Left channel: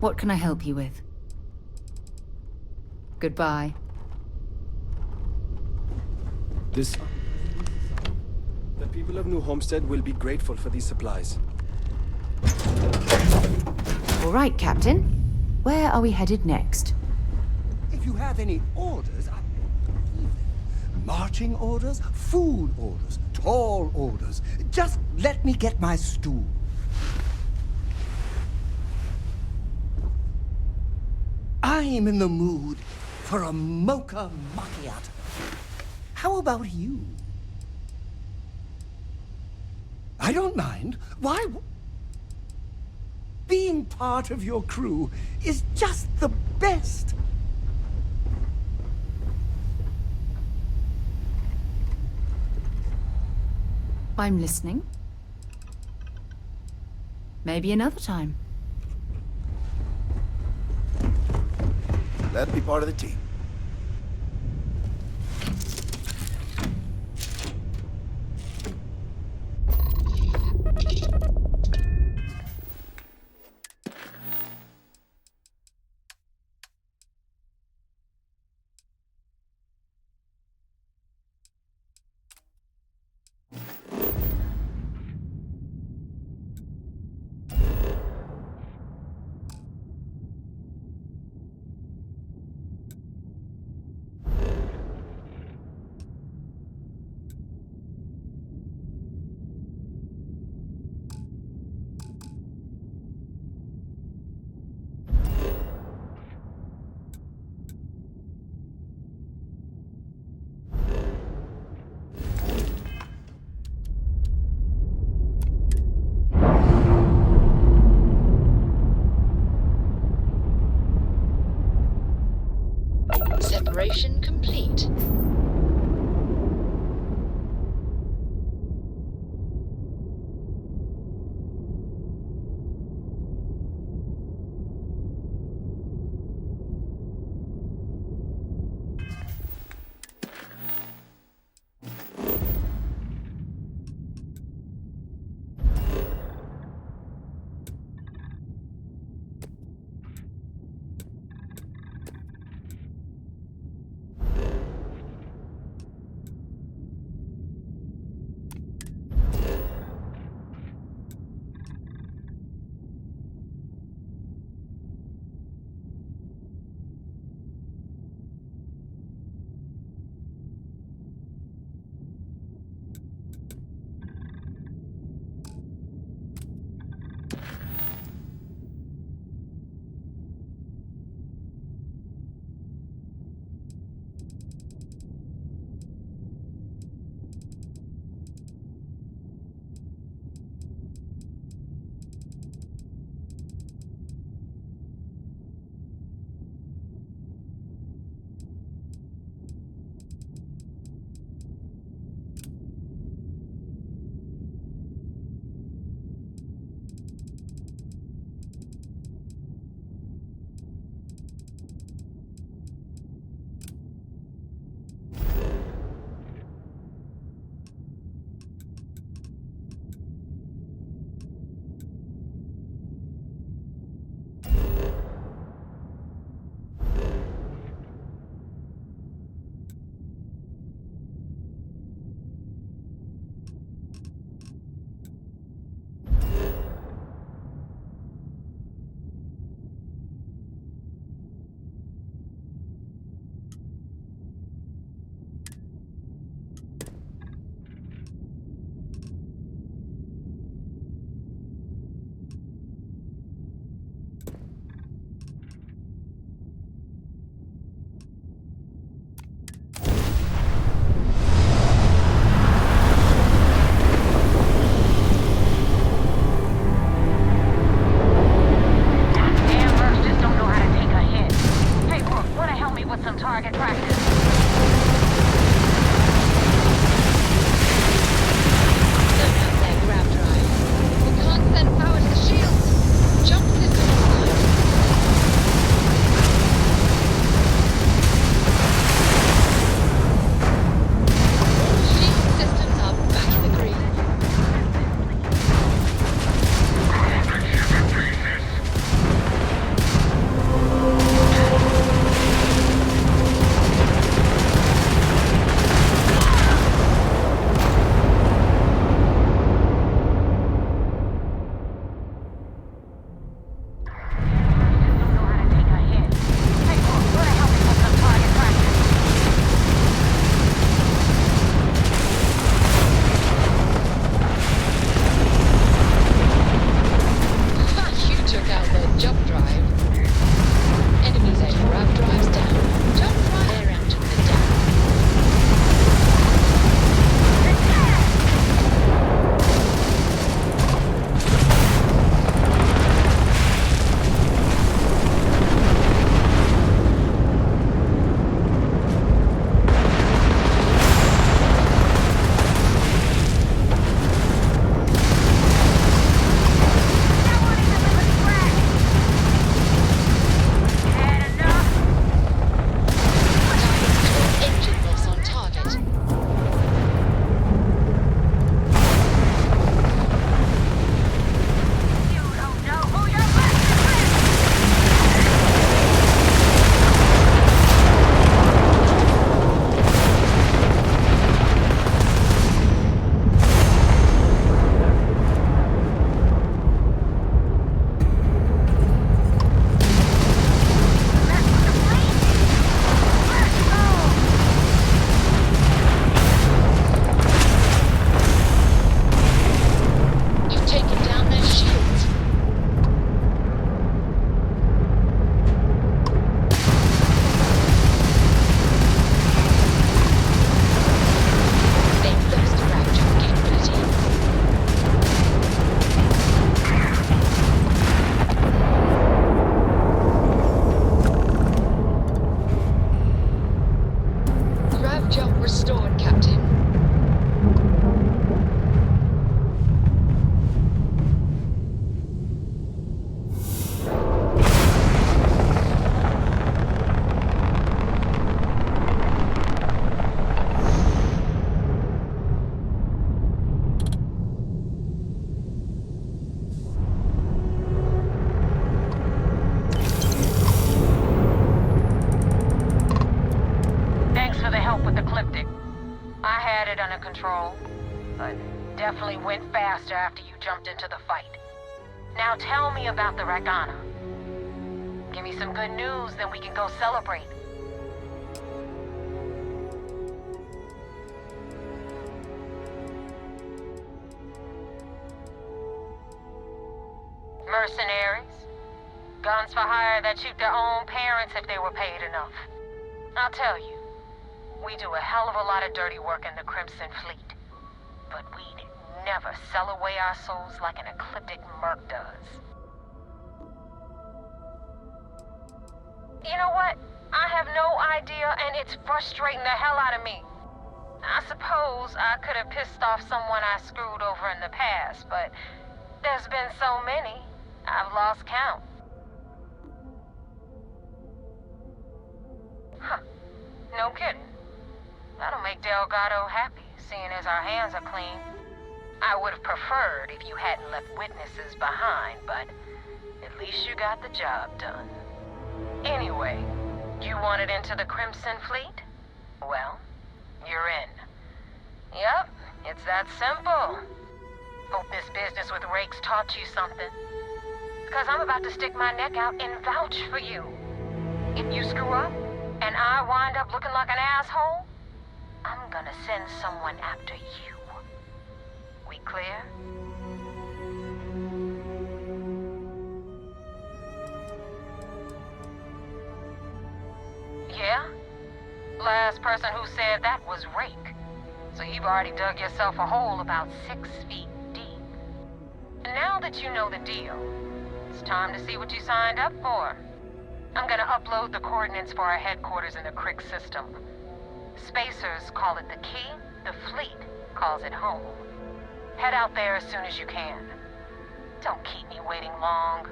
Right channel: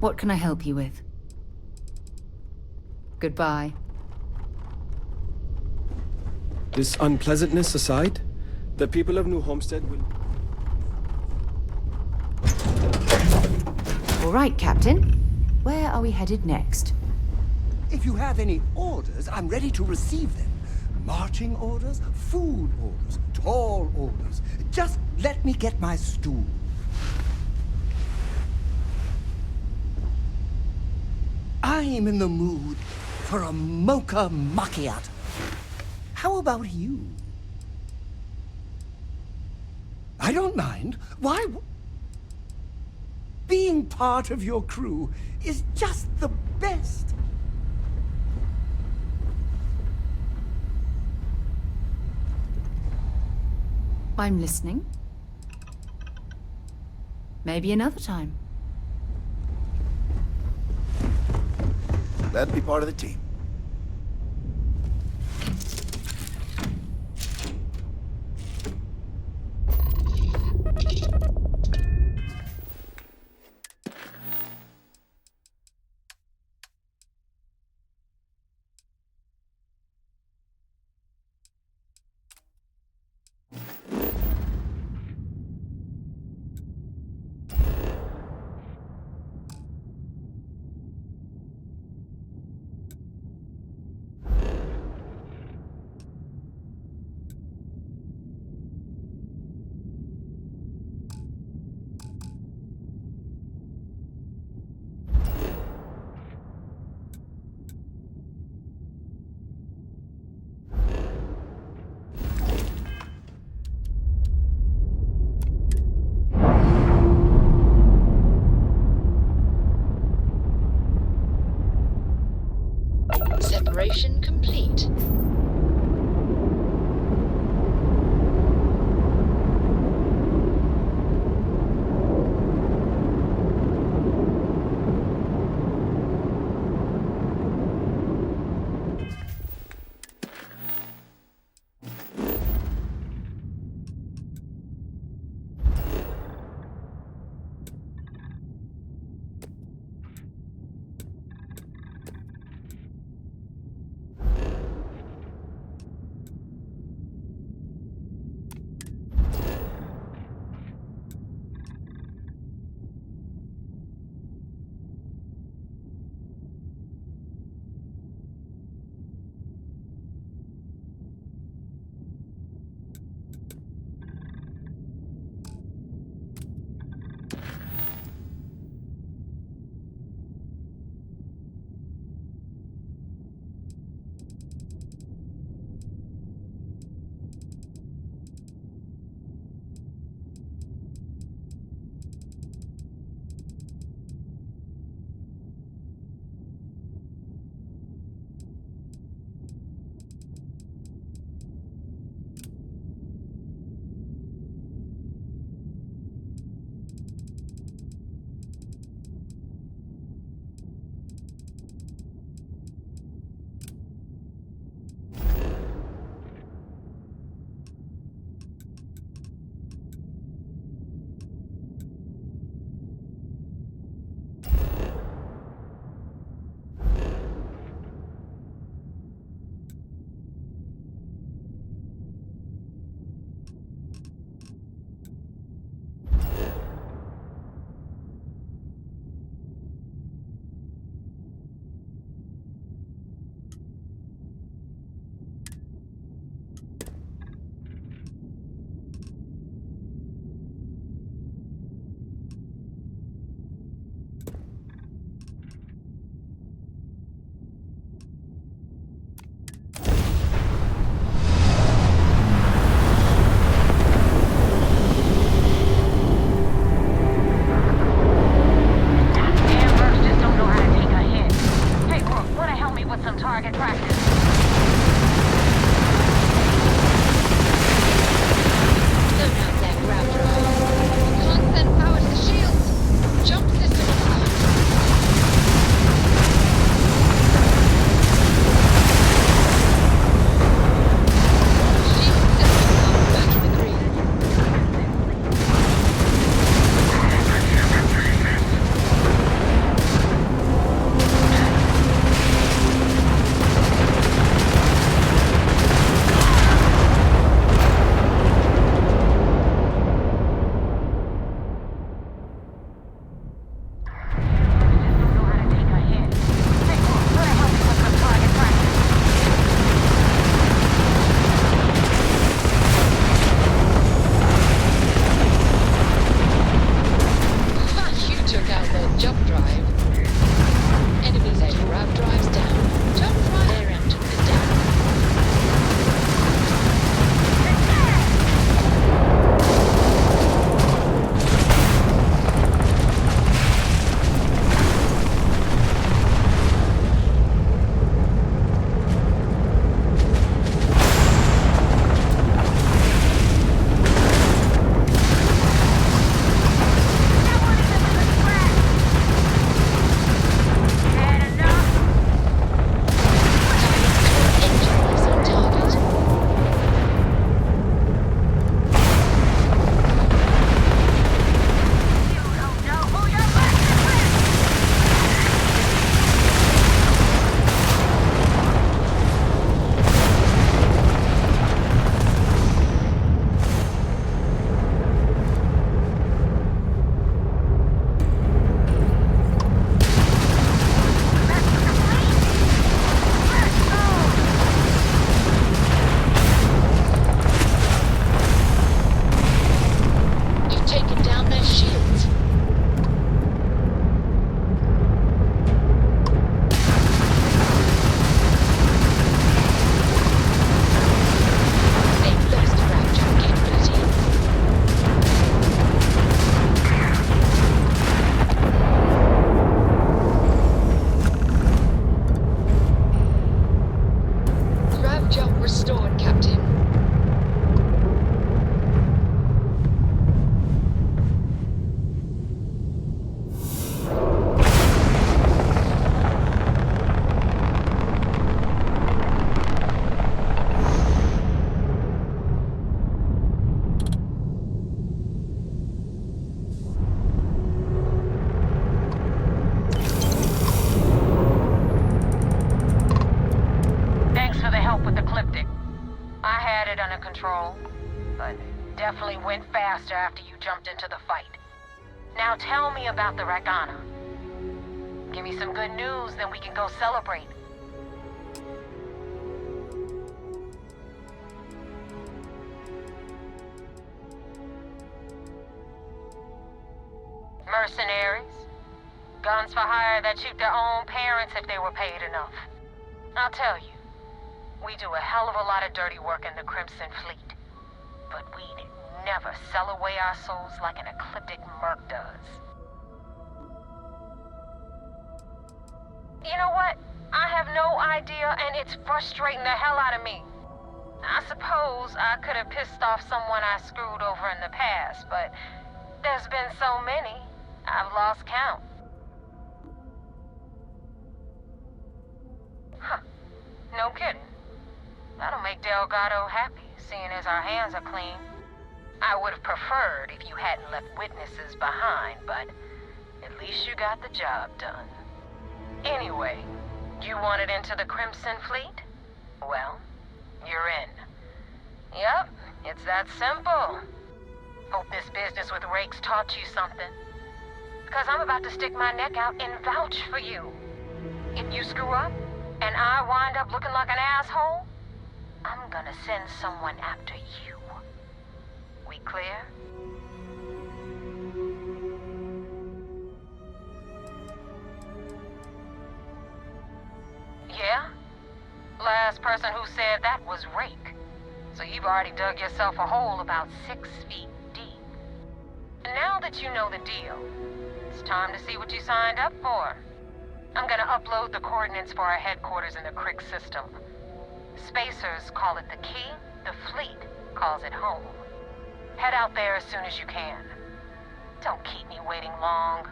What can I help you with? Goodbye. This unpleasantness aside, the people of New Homestead will be grateful for these supplies. All right, Captain. Where are we headed next? If you have any orders, I'm ready to receive them. Marching orders, food orders, tall orders. Just let me get my stool. I'm in the mood for a mocha macchiato. How about you? I don't mind. Why? Being part of your crew is just the best. I'm listening. Maybe another time. Glad to be part of the team. control, but definitely went faster after you jumped into the fight. Now tell me about the Rakana. Give me some good news, then we can go celebrate. Mercenaries. Guns for hire that shoot their own parents if they were paid enough. I'll tell you, we do a hell of a lot of dirty work in the Crimson Fleet. But we'd never sell away our souls like an ecliptic merc does. You know what? I have no idea, and it's frustrating the hell out of me. I suppose I could have pissed off someone I screwed over in the past, but there's been so many, I've lost count. Huh. No kidding. That'll make Delgado happy, seeing as our hands are clean. I would have preferred if you hadn't left witnesses behind, but at least you got the job done. Anyway, you wanted into the Crimson Fleet? Well, you're in. Yep, it's that simple. Hope this business with Rakes taught you something. Because I'm about to stick my neck out and vouch for you. If you screw up, and I wind up looking like an asshole, I'm gonna send someone after you. We clear? Yeah? Last person who said that was Rake. So you've already dug yourself a hole about 6 feet deep. Now that you know the deal, it's time to see what you signed up for. I'm gonna upload the coordinates for our headquarters in the Crick system. Spacers call it the key, the fleet calls it home. Head out there as soon as you can. Don't keep me waiting long.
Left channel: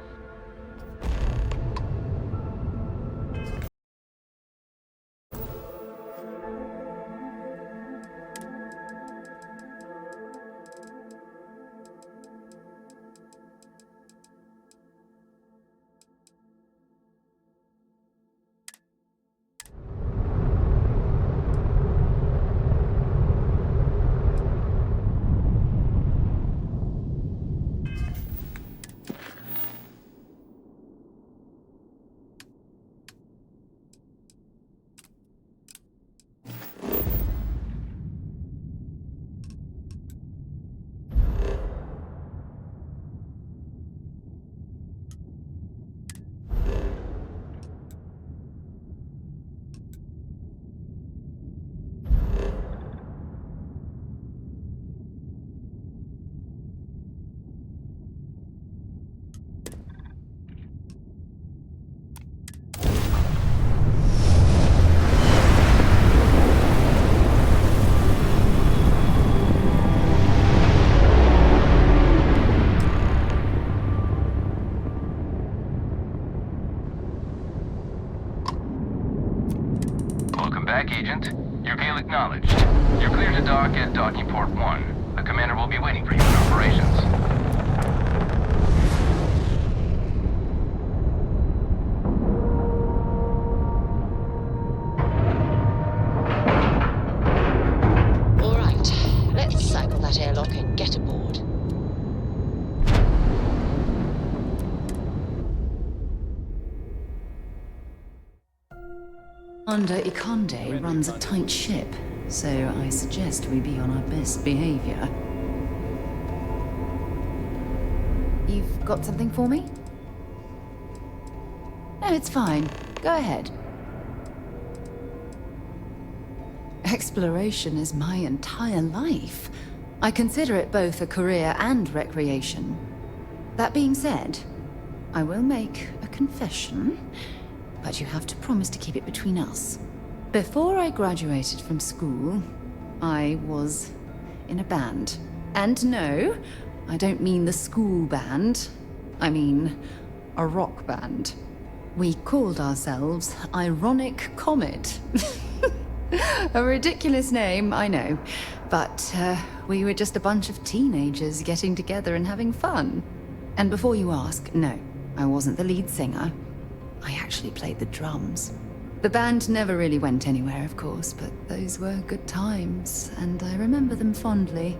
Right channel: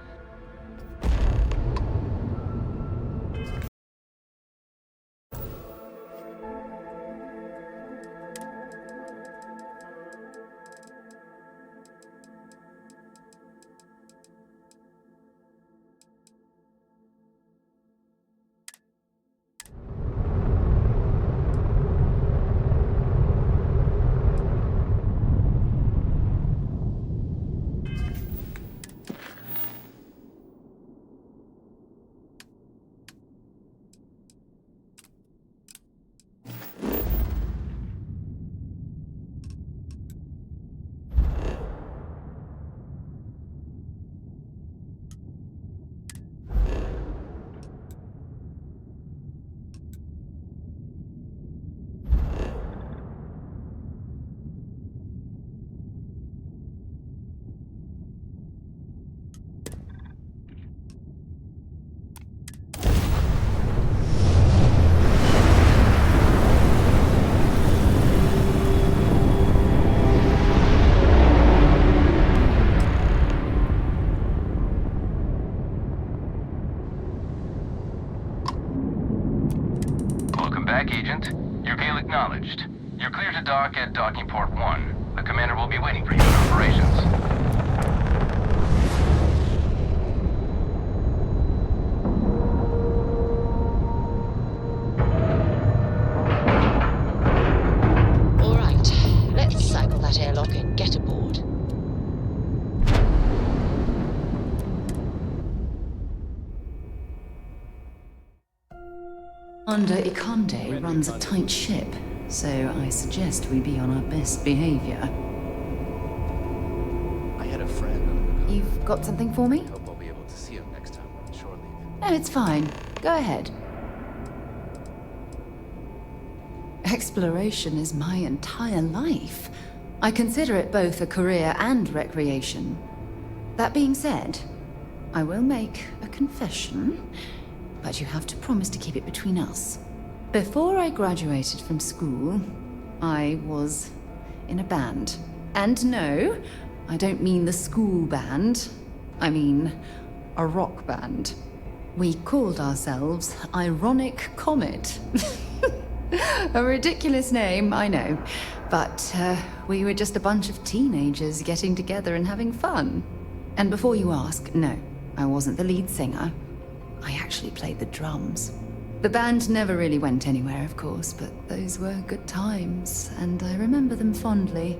Back, Agent. Your hail acknowledged. You're clear to dock at Docking Port 1. The commander will be waiting for you in operations. All right, let's cycle that airlock and get aboard. Commander Ikonde runs a tight ship, so I suggest we be on our best behavior. I had a friend. You've got something for me? Hope I'll be able to see him next time, shortly. No, it's fine. Go ahead. Exploration is my entire life. I consider it both a career and recreation. That being said, I will make a confession. But you have to promise to keep it between us. Before I graduated from school, I was in a band. And no, I don't mean the school band. I mean a rock band. We called ourselves Ironic Comet. A ridiculous name, I know. But we were just a bunch of teenagers getting together and having fun. And before you ask, no, I wasn't the lead singer. I actually played the drums. The band never really went anywhere, of course, but those were good times, and I remember them fondly.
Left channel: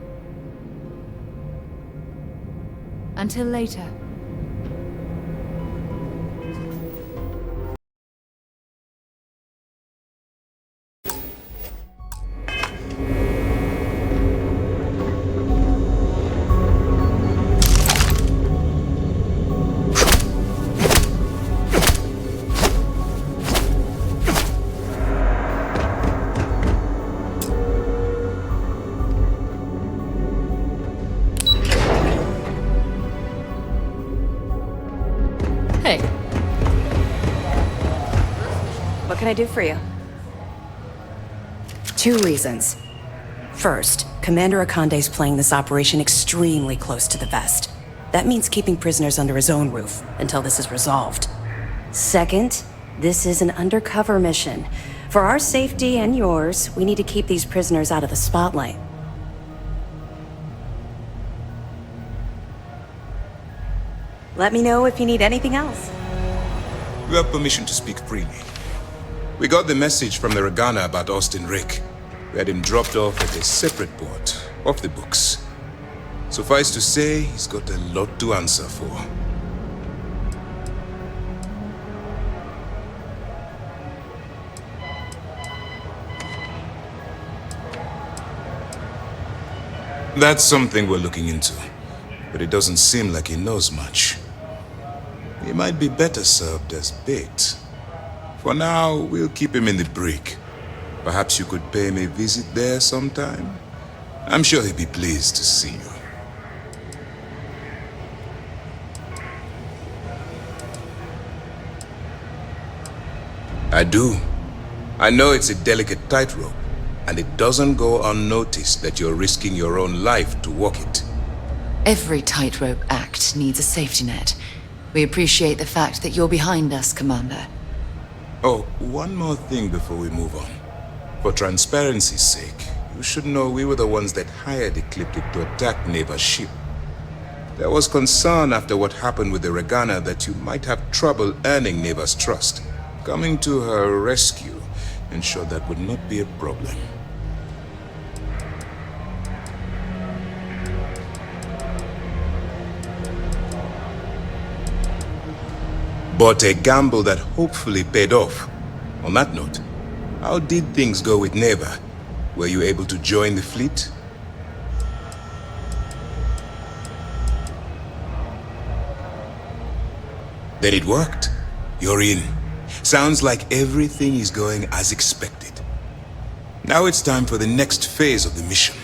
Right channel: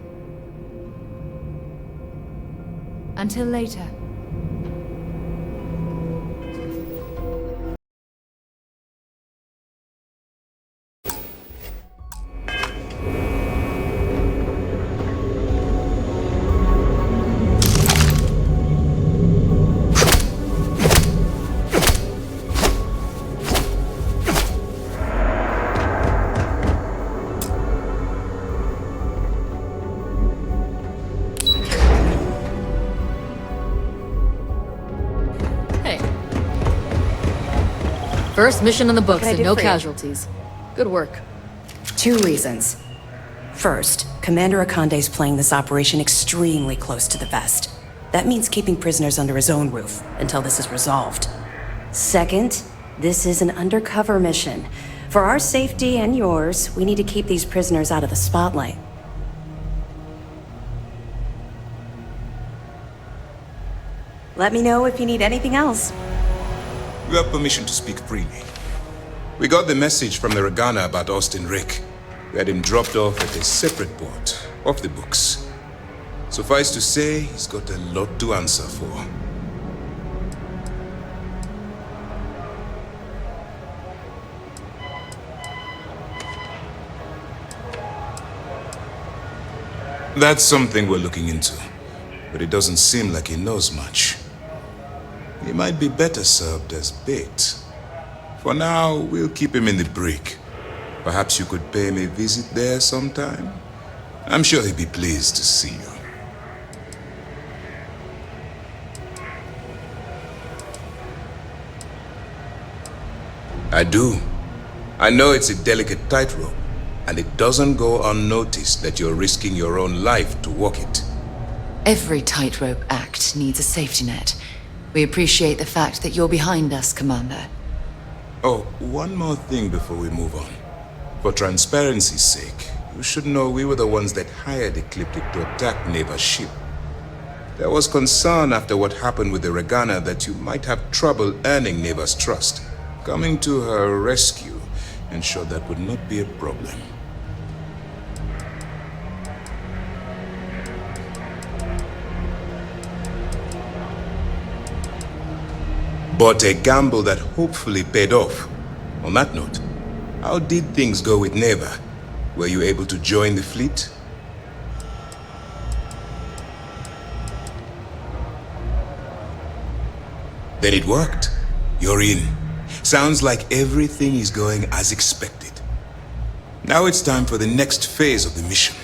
Until later. Hey. First mission in the books can I and do no for you? casualties. Good work. 2 reasons. First, Commander Akande's playing this operation extremely close to the vest. That means keeping prisoners under his own roof until this is resolved. Second, this is an undercover mission. For our safety and yours, we need to keep these prisoners out of the spotlight. Let me know if you need anything else. You have permission to speak freely. We got the message from the Regana about Austin Rick. We had him dropped off at a separate port, off the books. Suffice to say, he's got a lot to answer for. That's something we're looking into, but it doesn't seem like he knows much. He might be better served as bait. For now, we'll keep him in the brig. Perhaps you could pay him a visit there sometime? I'm sure he'd be pleased to see you. I do. I know it's a delicate tightrope, and it doesn't go unnoticed that you're risking your own life to walk it. Every tightrope act needs a safety net. We appreciate the fact that you're behind us, Commander. Oh, one more thing before we move on. For transparency's sake, you should know we were the ones that hired Ecliptic to attack Neva's ship. There was concern after what happened with the Regana that you might have trouble earning Neva's trust. Coming to her rescue ensured that would not be a problem. But a gamble that hopefully paid off. On that note, how did things go with Neva? Were you able to join the fleet? Then it worked. You're in. Sounds like everything is going as expected. Now it's time for the next phase of the mission.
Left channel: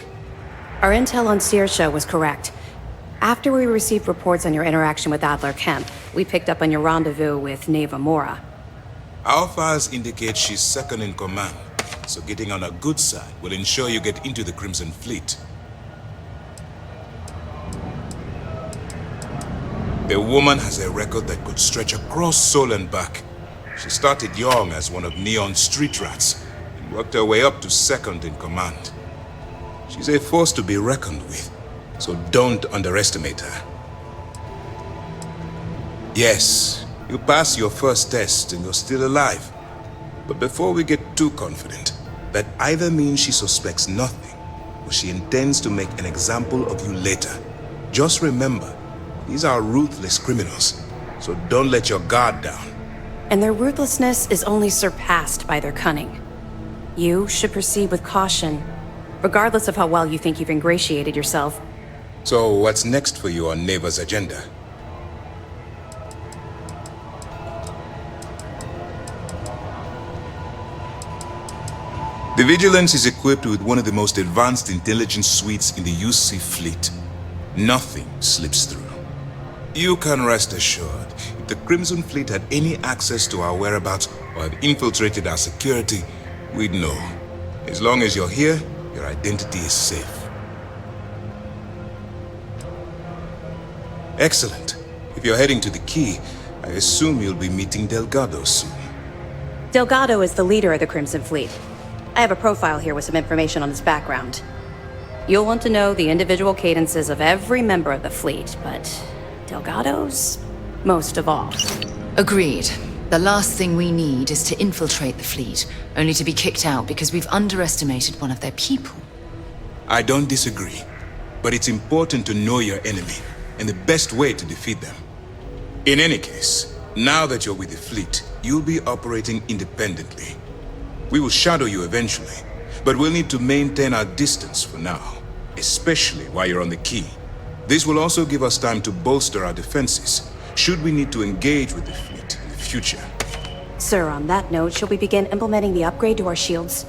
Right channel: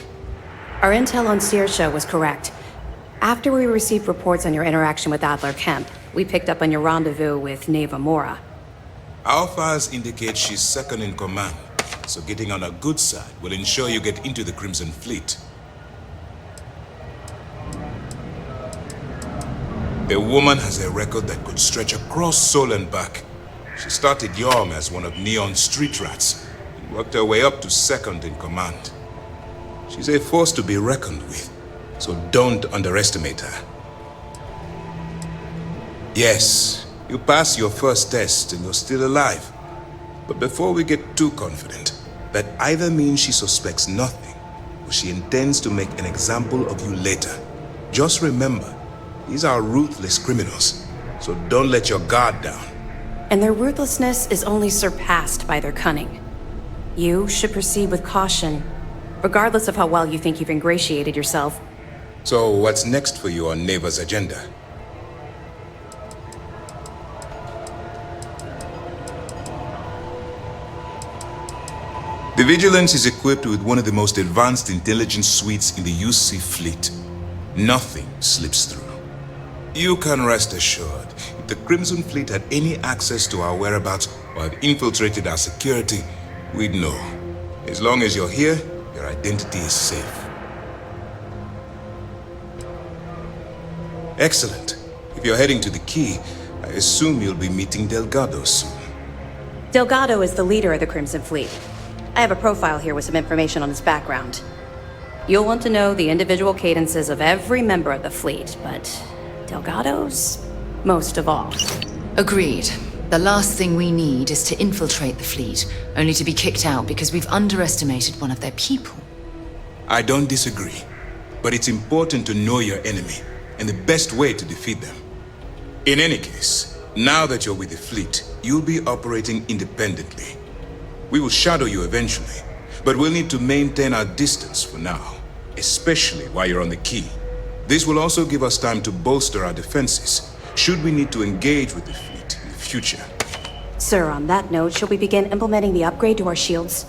Our intel on Saoirse was correct. After we received reports on your interaction with Adler Kemp, we picked up on your rendezvous with Neva Mora. Our files indicate she's second in command, so getting on her good side will ensure you get into the Crimson Fleet. The woman has a record that could stretch across Sol and back. She started young as one of Neon's street rats, and worked her way up to second in command. She's a force to be reckoned with, so don't underestimate her. Yes, you passed your first test and you're still alive. But before we get too confident, that either means she suspects nothing, or she intends to make an example of you later. Just remember, these are ruthless criminals, so don't let your guard down. And their ruthlessness is only surpassed by their cunning. You should proceed with caution, regardless of how well you think you've ingratiated yourself. So what's next for you on Neva's agenda? The Vigilance is equipped with one of the most advanced intelligence suites in the UC fleet. Nothing slips through. You can rest assured, if the Crimson Fleet had any access to our whereabouts or have infiltrated our security, we'd know. As long as you're here, your identity is safe. Excellent. If you're heading to the Key, I assume you'll be meeting Delgado soon. Delgado is the leader of the Crimson Fleet. I have a profile here with some information on his background. You'll want to know the individual cadences of every member of the fleet, but Delgado's most of all. Agreed. The last thing we need is to infiltrate the fleet, only to be kicked out because we've underestimated one of their people. I don't disagree, but it's important to know your enemy and the best way to defeat them. In any case, now that you're with the fleet, you'll be operating independently. We will shadow you eventually, but we'll need to maintain our distance for now, especially while you're on the key. This will also give us time to bolster our defenses, should we need to engage with the fleet in the future. Sir, on that note, shall we begin implementing the upgrade to our shields?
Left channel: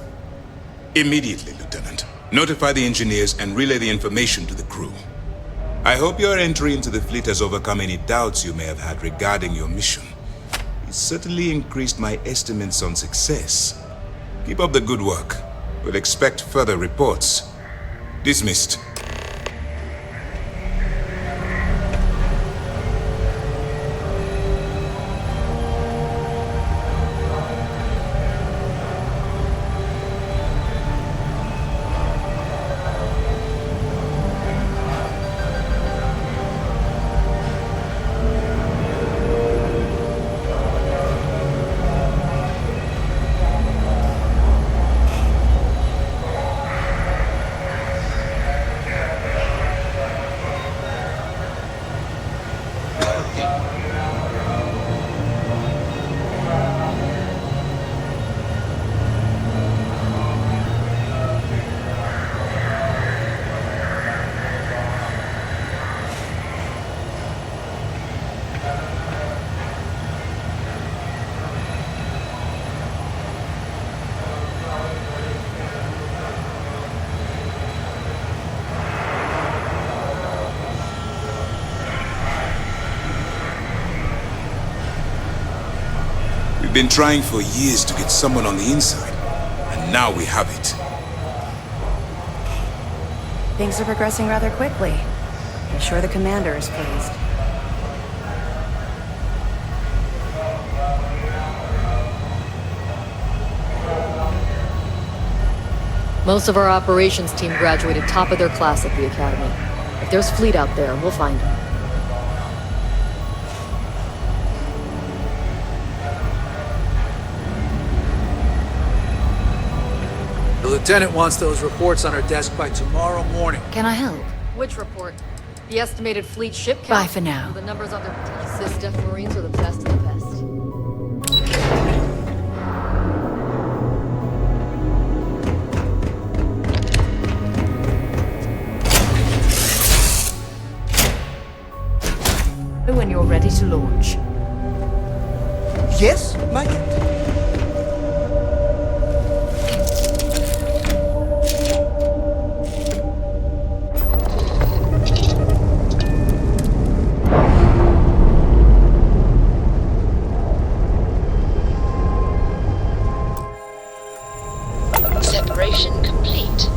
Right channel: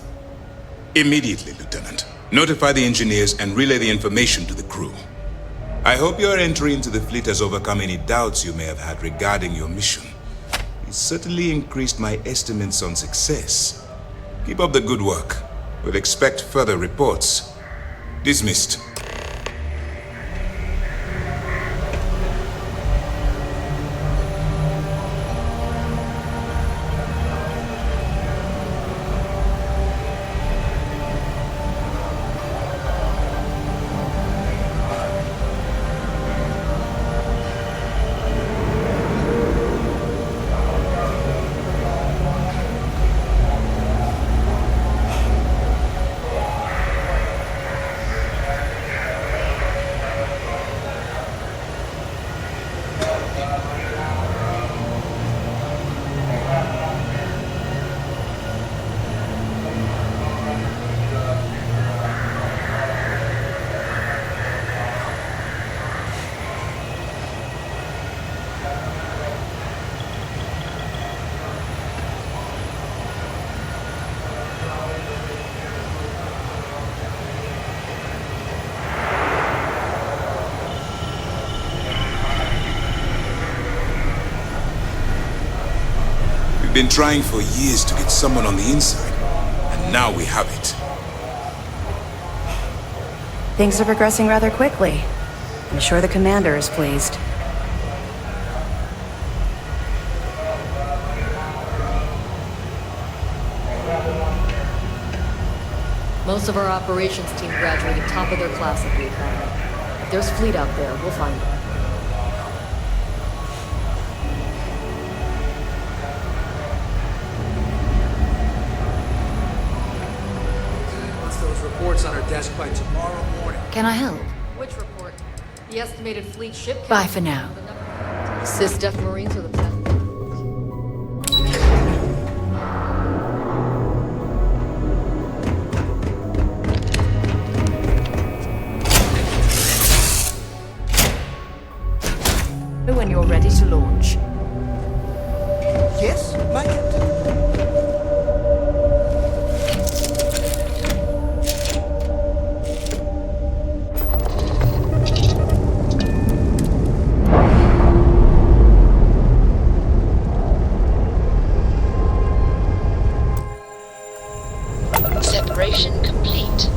Immediately, Lieutenant. Notify the engineers and relay the information to the crew. I hope your entry into the fleet has overcome any doubts you may have had regarding your mission. It certainly increased my estimates on success. Keep up the good work. We'll expect further reports. Dismissed. We've been trying for years to get someone on the inside, and now we have it. Things are progressing rather quickly. I'm sure the commander is pleased. Most of our operations team graduated top of their class at the Academy. If there's fleet out there, we'll find them. The lieutenant wants those reports on her desk by tomorrow morning. Can I help? Which report? The estimated fleet ship count? Bye for now. The numbers on the Sys-Def Marines are the best of the best. When you're ready to launch. Yes, my captain? Separation complete.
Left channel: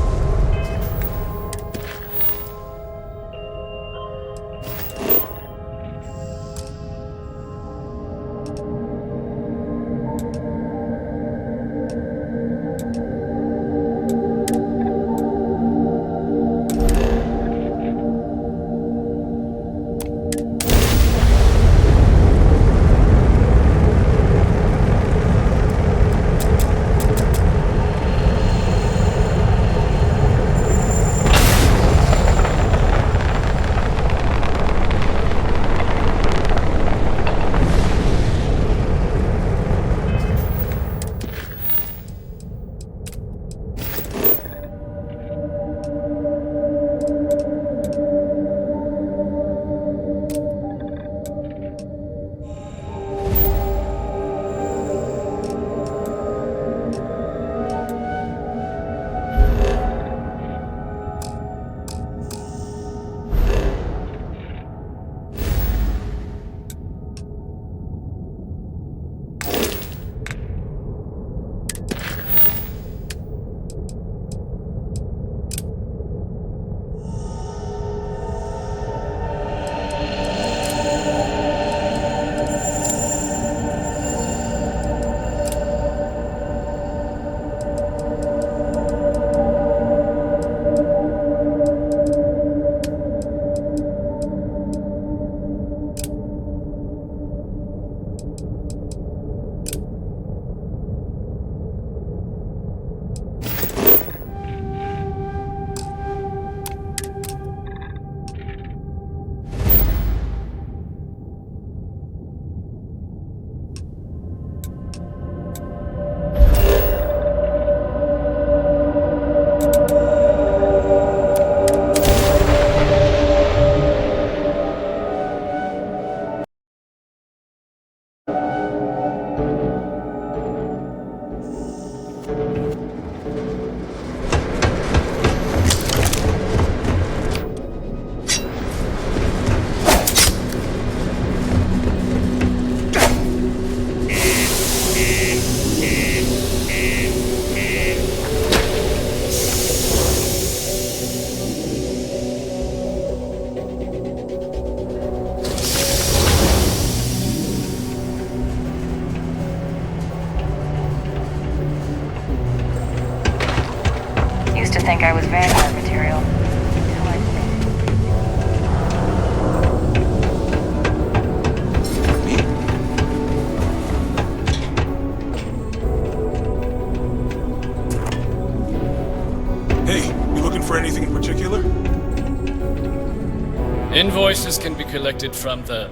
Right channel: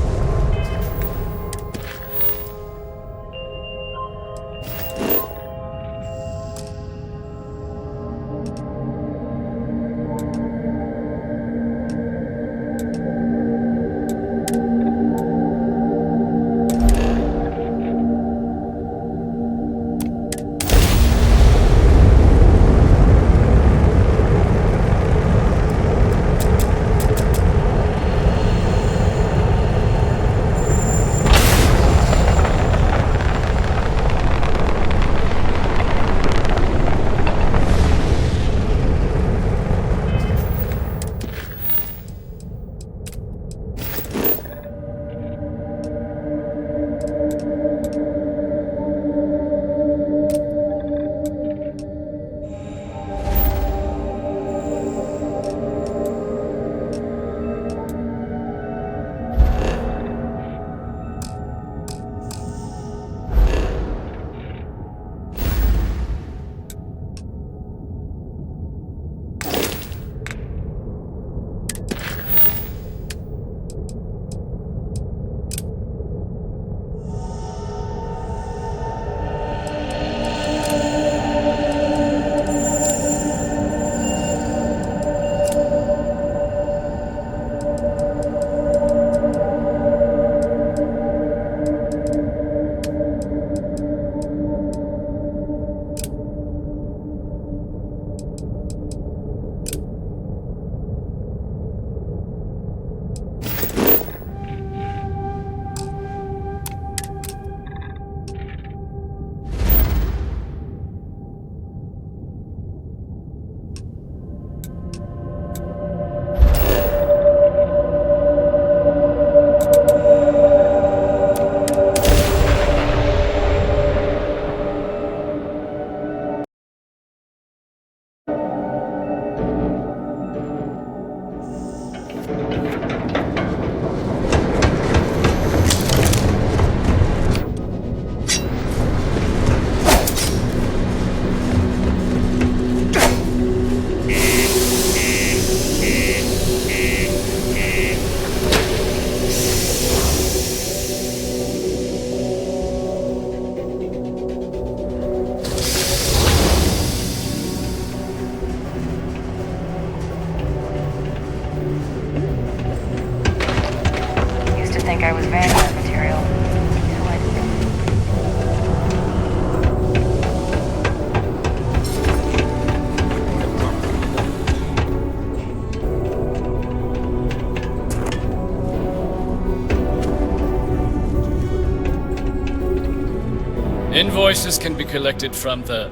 Invoices can be collected from the...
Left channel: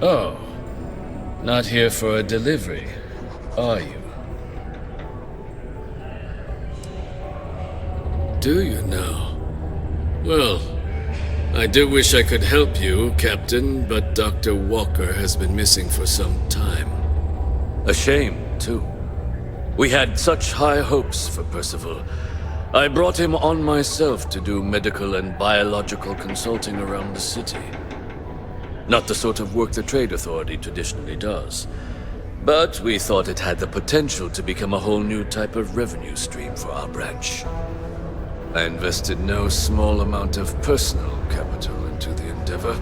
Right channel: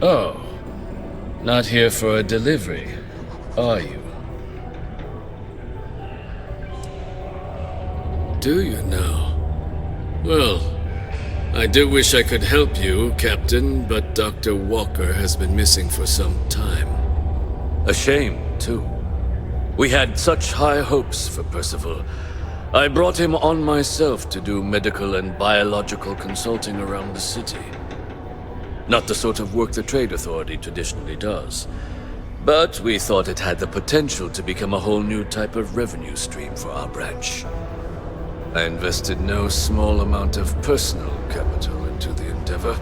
Oh. Not here for a delivery, are you? Do you now? Well, I do wish I could help you, Captain, but Dr. Walker has been missing for some time. A shame, too. We had such high hopes for Percival. I brought him on myself to do medical and biological consulting around the city. Not the sort of work the Trade Authority traditionally does. But we thought it had the potential to become a whole new type of revenue stream for our branch. I invested no small amount of personal capital into the endeavor.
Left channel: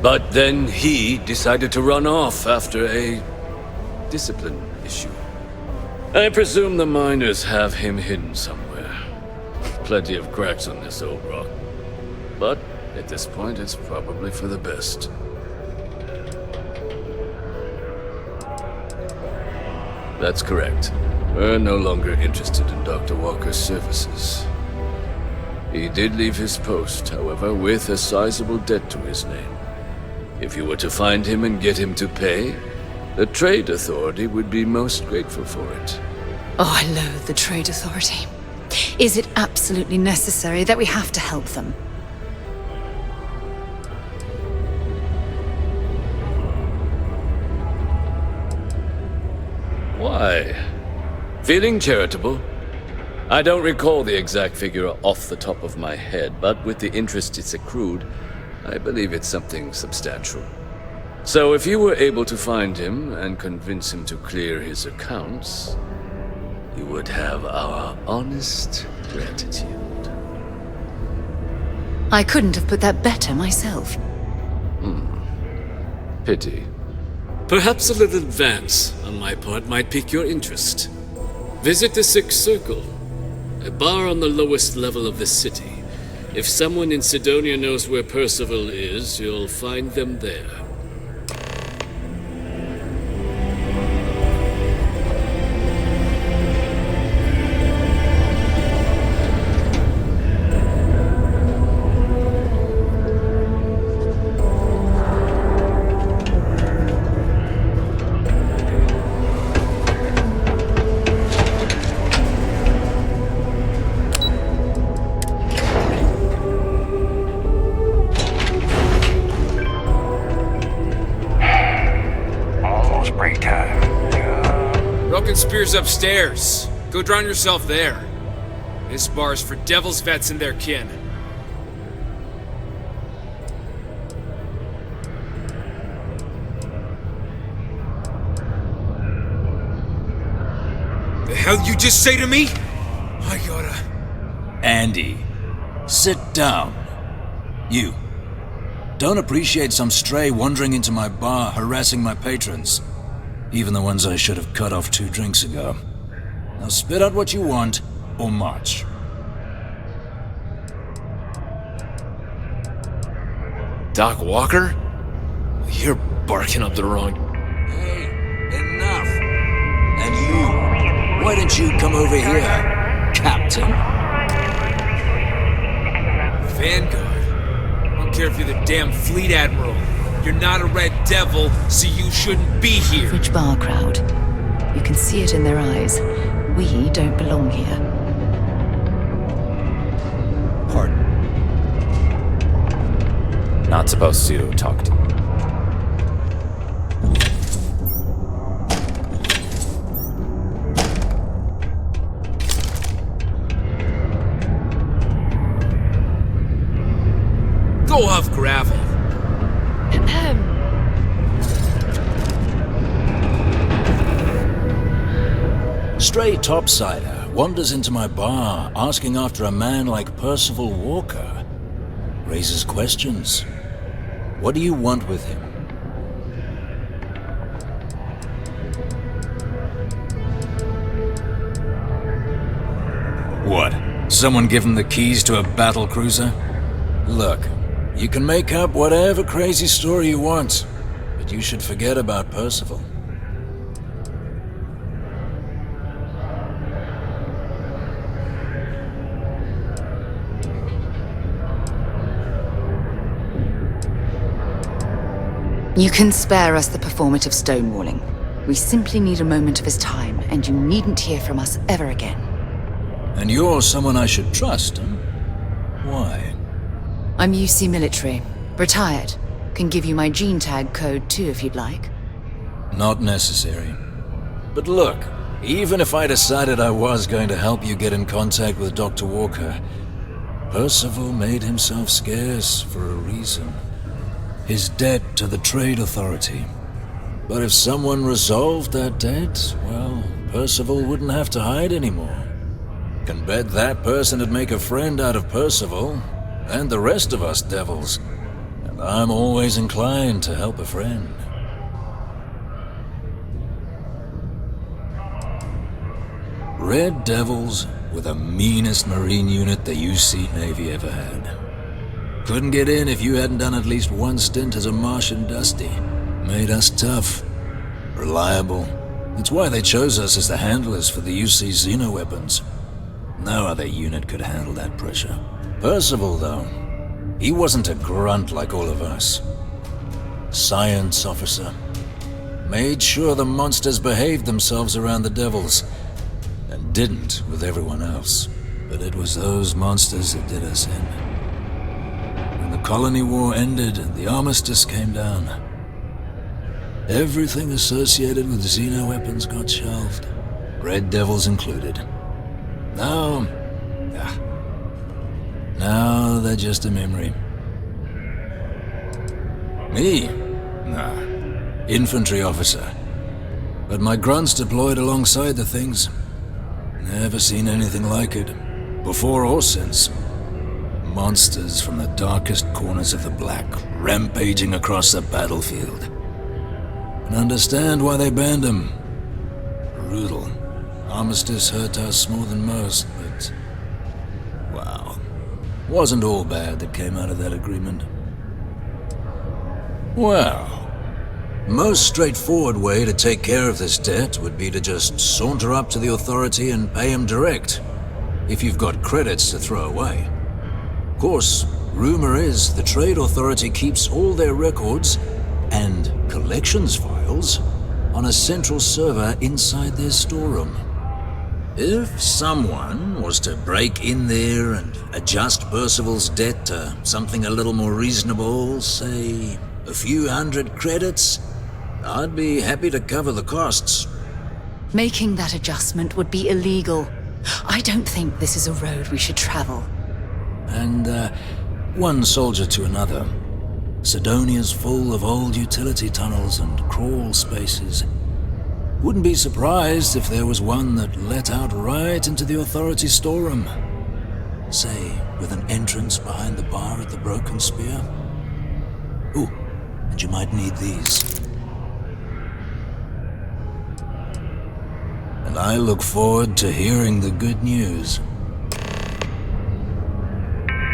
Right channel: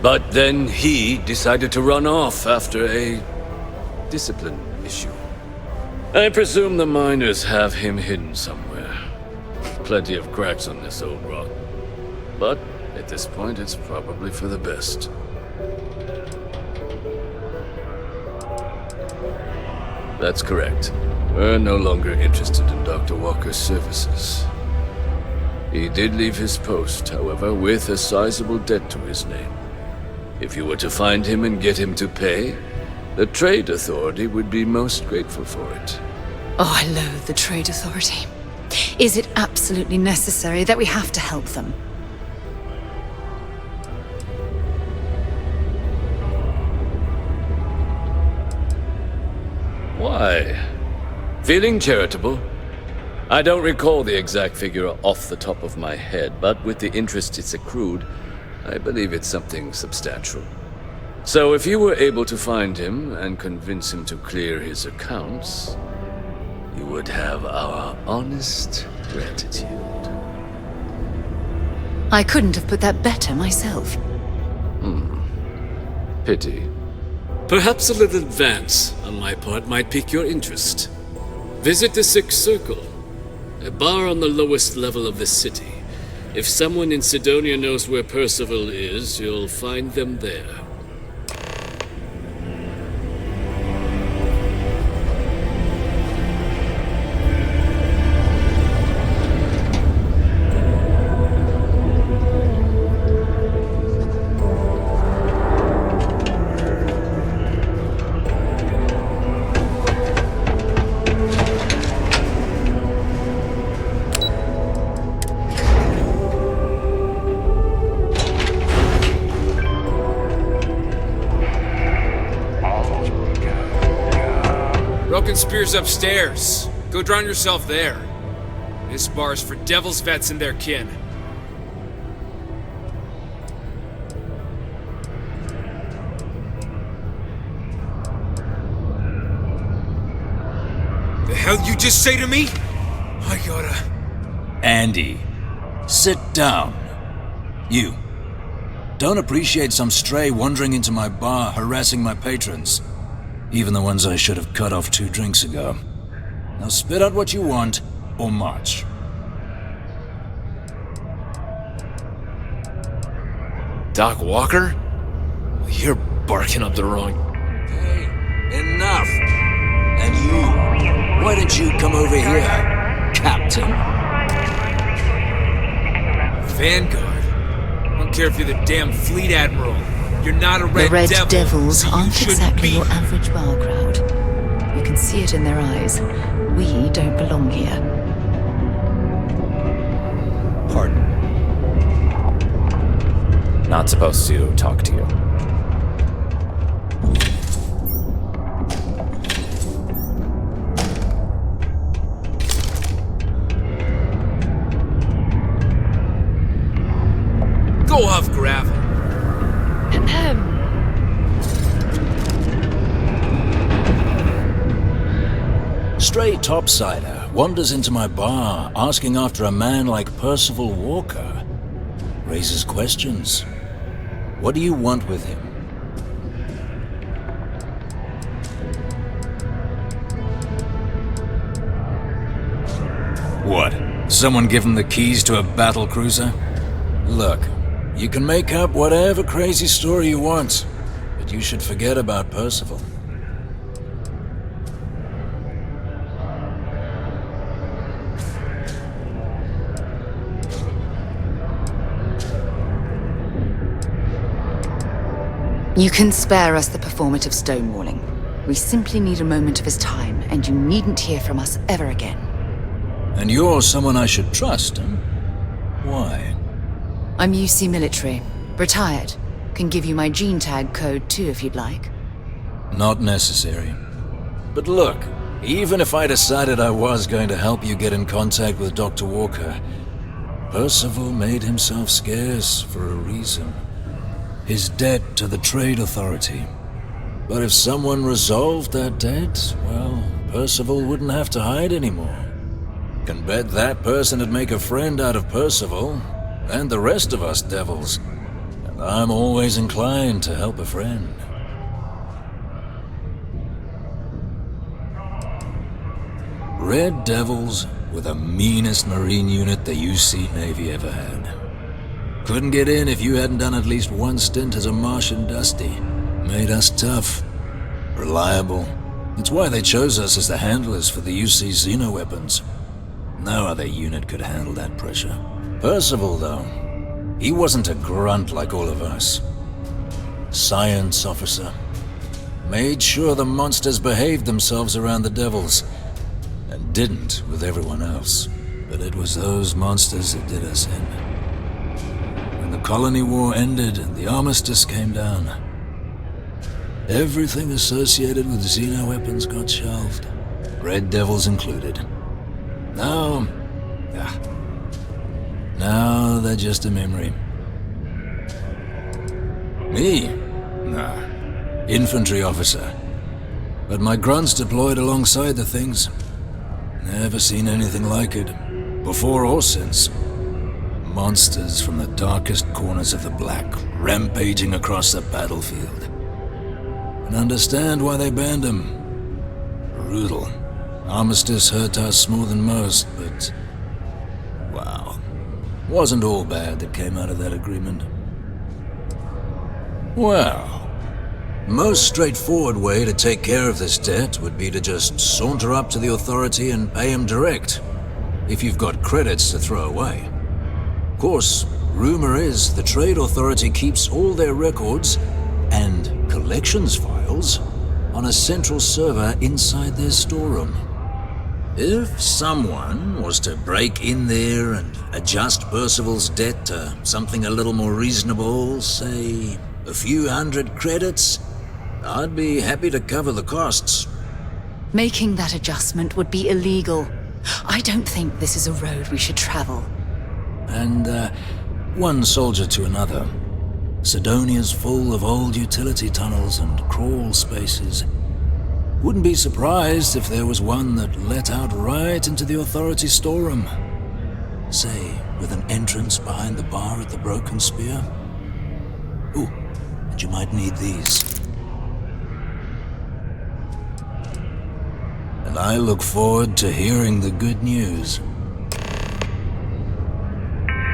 But then he decided to run off after a discipline issue. I presume the miners have him hidden somewhere. Plenty of cracks on this old rock. But at this point, it's probably for the best. That's correct. We're no longer interested in Dr. Walker's services. He did leave his post, however, with a sizable debt to his name. If you were to find him and get him to pay, the Trade Authority would be most grateful for it. Oh, I loathe the Trade Authority. Is it absolutely necessary that we have to help them? Why? Feeling charitable? I don't recall the exact figure off the top of my head, but with the interest it's accrued, I believe it's something substantial. So if you were able to find him and convince him to clear his accounts, you would have our honest gratitude. I couldn't have put that better myself. Pity. Perhaps a little advance on my part might pique your interest. Visit the Sixth Circle, a bar on the lowest level of the city. If someone in Sidonia knows where Percival is, you'll find them there. Broken Spear's upstairs. Go drown yourself there. This bar's for Devil's vets and their kin. The hell you just say to me? I gotta... Andy, sit down. You. Don't appreciate some stray wandering into my bar, harassing my patrons. Even the ones I should have cut off 2 drinks ago. Now spit out what you want, or march. Doc Walker? You're barking up the wrong... Hey, enough! And you, why don't you come over here, Captain? Vanguard? I don't care if you're the damn Fleet Admiral. You're not a Red Devil, so you shouldn't be here. Average bar crowd. You can see it in their eyes. We don't belong here. Pardon. Not supposed to talk to you. Go off gravel. Stray topsider wanders into my bar asking after a man like Percival Walker. Raises questions. What do you want with him? What? Someone give him the keys to a battle cruiser? Look, you can make up whatever crazy story you want, but you should forget about Percival. You can spare us the performative stonewalling. We simply need a moment of his time, and you needn't hear from us ever again. And you're someone I should trust, huh? Why? I'm UC military. Retired. Can give you my gene tag code too if you'd like. Not necessary. But look, even if I decided I was going to help you get in contact with Dr. Walker, Percival made himself scarce for a reason. His debt to the Trade Authority. But if someone resolved that debt, well, Percival wouldn't have to hide anymore. Can bet that person would make a friend out of Percival, and the rest of us devils. And I'm always inclined to help a friend. Red Devils were the meanest Marine unit the UC Navy ever had. Couldn't get in if you hadn't done at least one stint as a Martian Dusty. Made us tough, reliable. It's why they chose us as the handlers for the UC xenoweapons. No other unit could handle that pressure. Percival, though, he wasn't a grunt like all of us. Science officer. Made sure the monsters behaved themselves around the Devils, and didn't with everyone else. But it was those monsters that did us in. When the colony war ended and the armistice came down, everything associated with xenoweapons got shelved, Red Devils included. Now they're just a memory. Me? Nah. Infantry officer. But my grunts deployed alongside the things. Never seen anything like it, before or since. Monsters from the darkest corners of the Black, rampaging across the battlefield. And understand why they banned them. Brutal. Armistice hurt us more than most, but... wow. Wasn't all bad that came out of that agreement. Well... most straightforward way to take care of this debt would be to just saunter up to the Authority and pay him direct, if you've got credits to throw away. Of course, rumor is the Trade Authority keeps all their records and collections files on a central server inside their storeroom. If someone was to break in there and adjust Percival's debt to something a little more reasonable, say a few hundred credits, I'd be happy to cover the costs. Making that adjustment would be illegal. I don't think this is a road we should travel. And, one soldier to another. Sidonia's full of old utility tunnels and crawl spaces. Wouldn't be surprised if there was one that let out right into the Authority storeroom. Say, with an entrance behind the bar at the Broken Spear. Ooh, and you might need these. And I look forward to hearing the good news.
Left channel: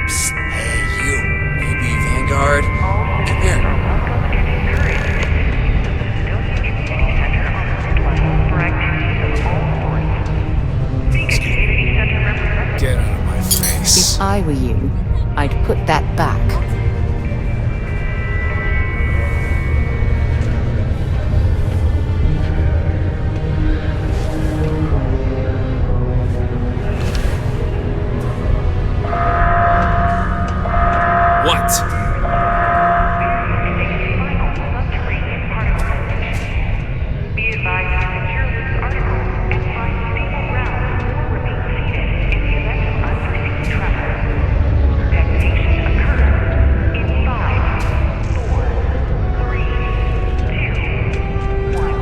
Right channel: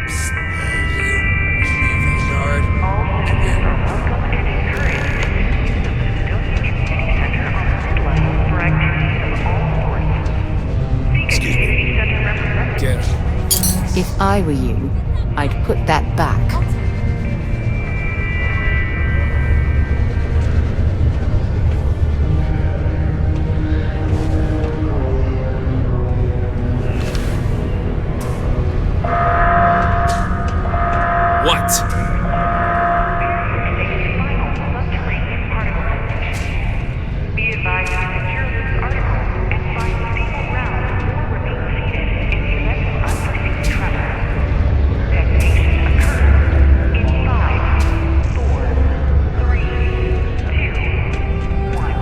Psst, hey, you. Me, Vanguard. Come here. Excuse me. Get out of my face. If I were you, I'd put that back. What? Be advised to secure this article and find stable ground or remain seated in the event of unforeseen tremor. Detonation occurs in 5, 4, 3, 2, 1.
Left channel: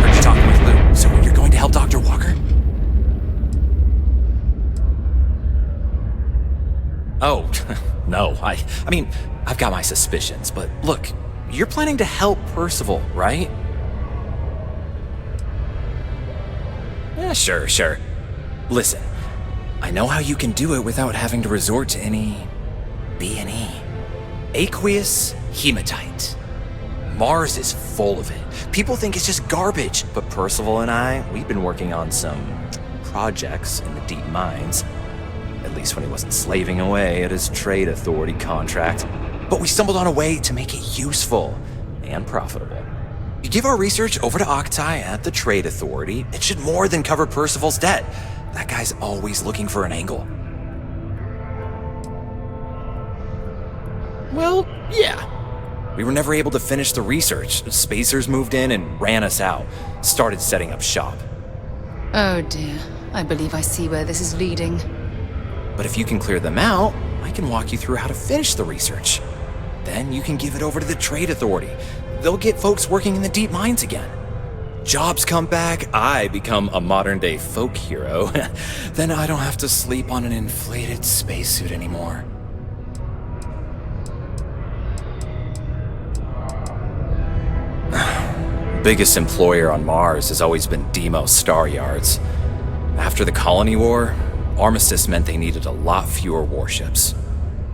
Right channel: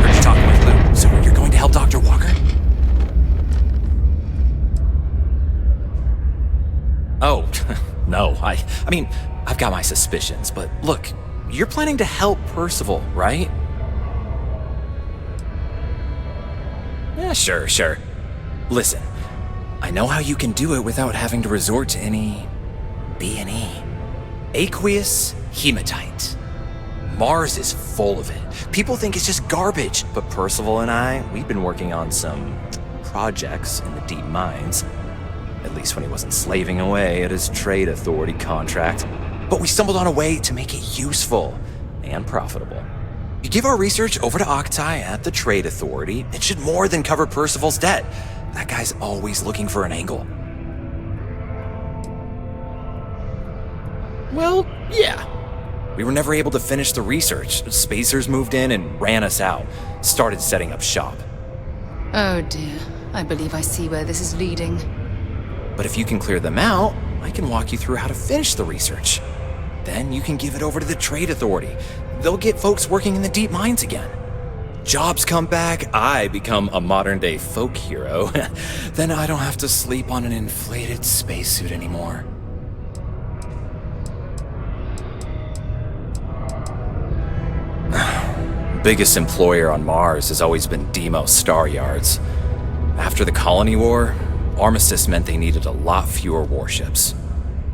Heard you talking with Lou, so you're going to help Dr. Walker? Oh, no, I mean, I've got my suspicions, but look, you're planning to help Percival, right? Yeah, sure. Listen, I know how you can do it without having to resort to any B&E. Aqueous hematite. Mars is full of it. People think it's just garbage, but Percival and I, we've been working on some projects in the deep mines. At least when he wasn't slaving away at his Trade Authority contract. but we stumbled on a way to make it useful and profitable. You give our research over to Octai at the Trade Authority, it should more than cover Percival's debt. That guy's always looking for an angle. Well, yeah. We were never able to finish the research. Spacers moved in and ran us out. Started setting up shop. Oh dear. I believe I see where this is leading. But if you can clear them out, I can walk you through how to finish the research. Then you can give it over to the Trade Authority. They'll get folks working in the deep mines again. Jobs come back, I become a modern-day folk hero. Then I don't have to sleep on an inflated spacesuit anymore. Biggest employer on Mars has always been Deimos Star Yards. After the Colony War, armistice meant they needed a lot fewer warships.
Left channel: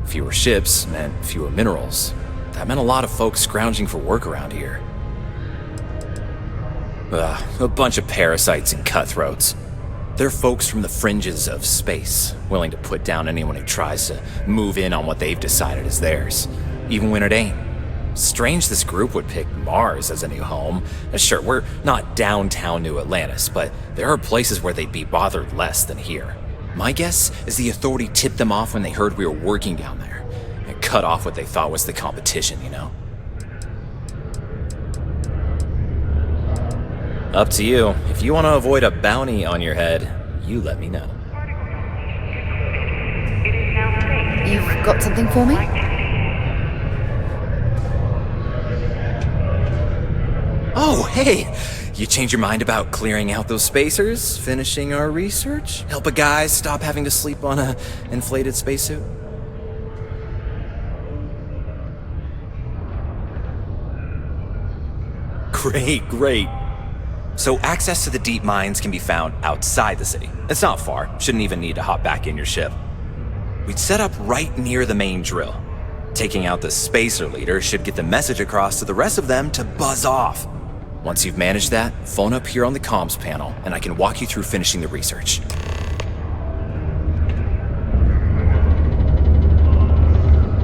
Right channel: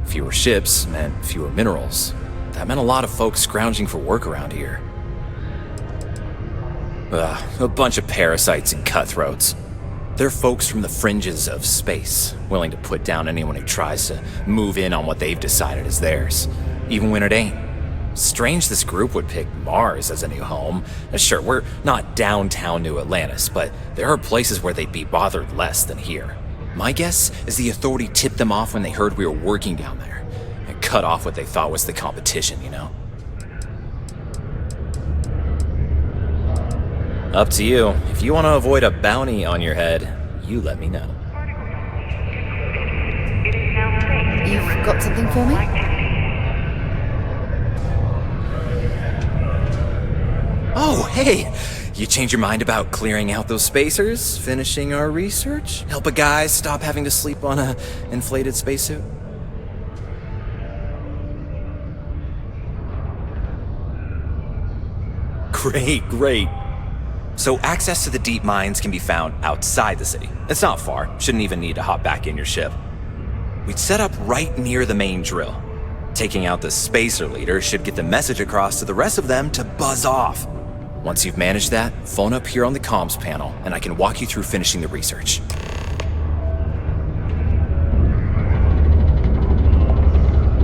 Fewer ships meant fewer minerals. That meant a lot of folks scrounging for work around here. A bunch of parasites and cutthroats. They're folks from the fringes of space, willing to put down anyone who tries to move in on what they've decided is theirs, even when it ain't. Strange this group would pick Mars as a new home. Sure, we're not downtown New Atlantis, but there are places where they'd be bothered less than here. My guess is the Authority tipped them off when they heard we were working down there, and cut off what they thought was the competition, you know? Up to you. If you want to avoid a bounty on your head, you let me know. You've got something for me? Oh, hey! You change your mind about clearing out those spacers, finishing our research, help a guy stop having to sleep on a inflated spacesuit? Great. So access to the deep mines can be found outside the city. It's not far. Shouldn't even need to hop back in your ship. We'd set up right near the main drill. Taking out the spacer leader should get the message across to the rest of them to buzz off. Once you've managed that, phone up here on the comms panel, and I can walk you through finishing the research.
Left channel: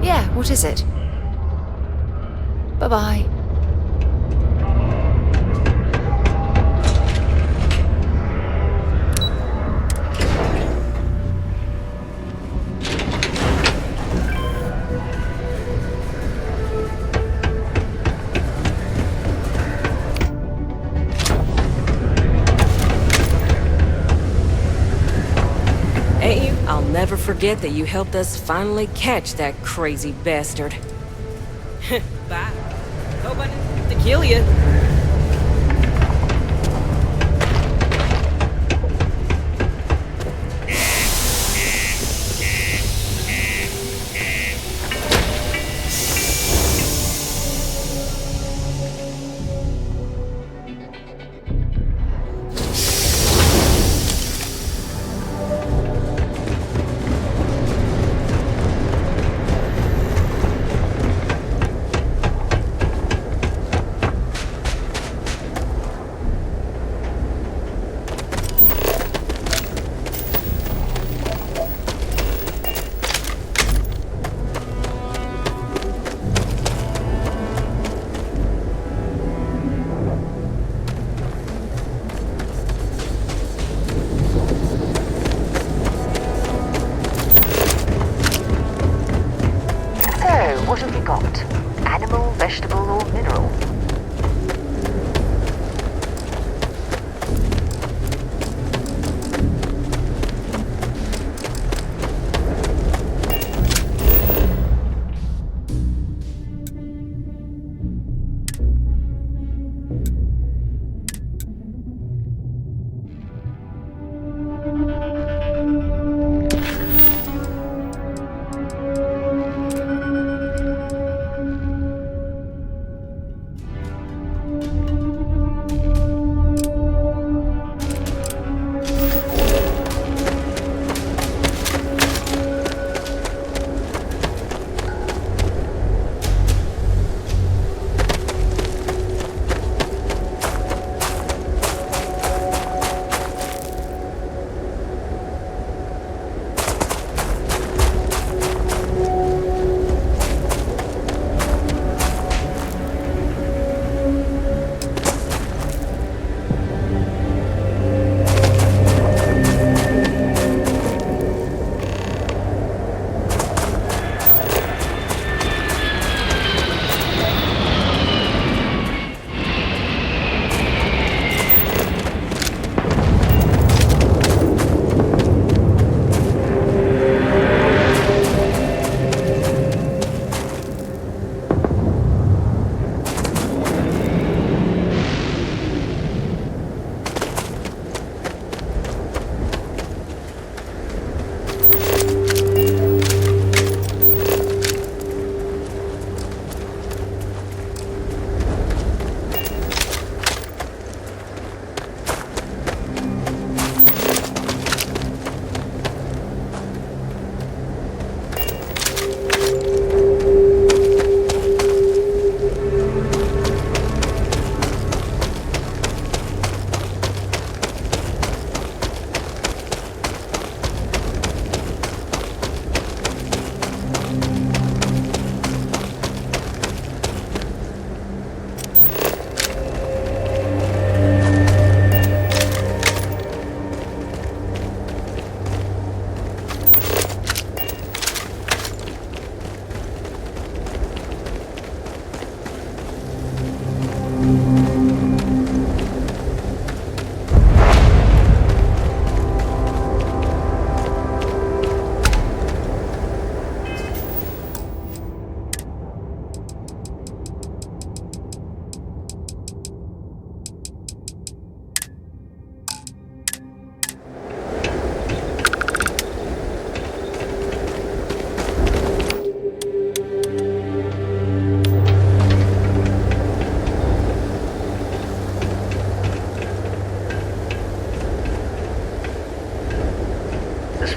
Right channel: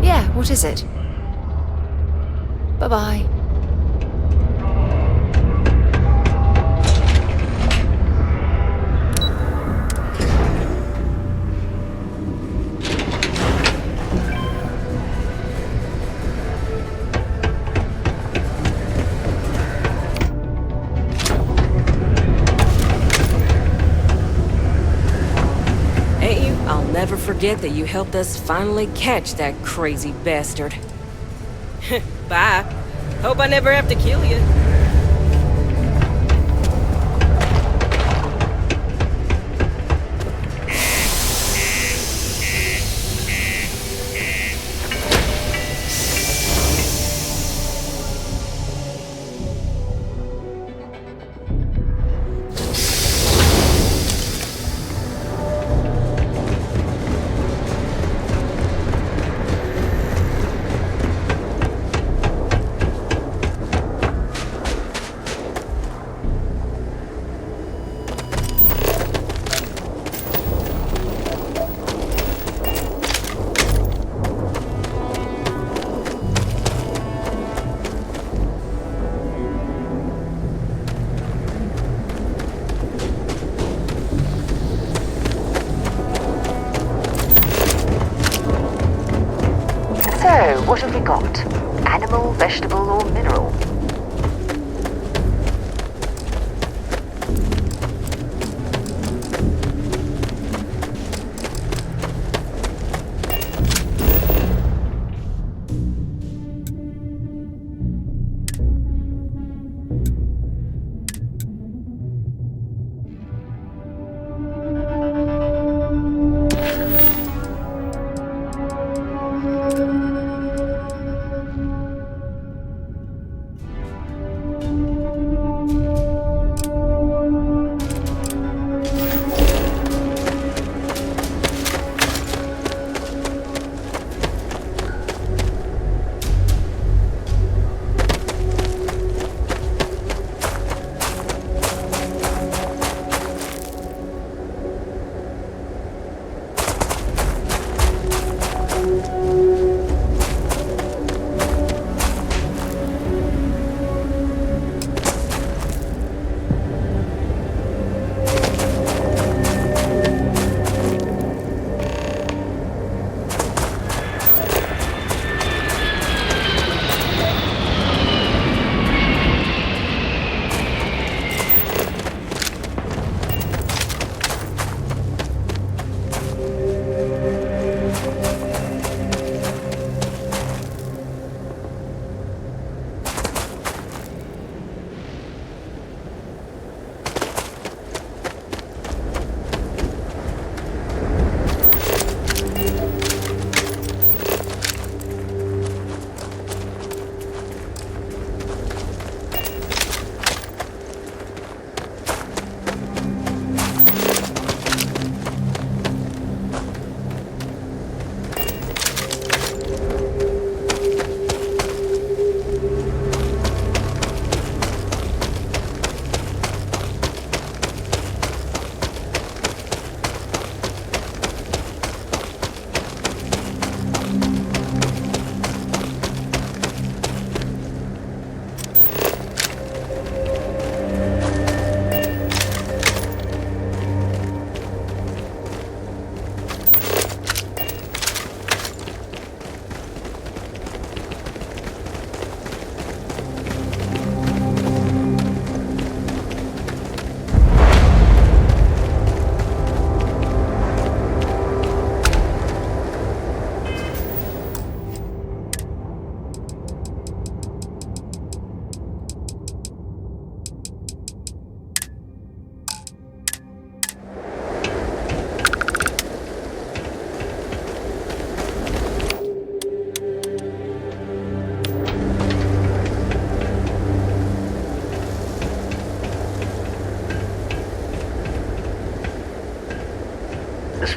Yeah, what is it? Bye-bye. I'll never forget that you helped us finally catch that crazy bastard. Bye. Hope I never have to kill you. What have we got? Animal, vegetable, or mineral?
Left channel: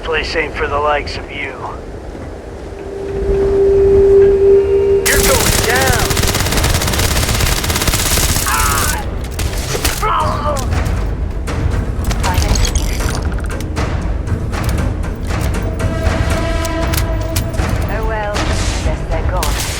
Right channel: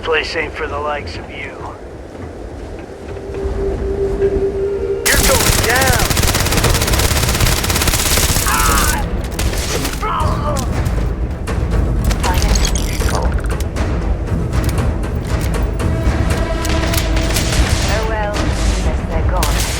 place ain't for the likes of you. You're going down! Oh well, guess they're gone.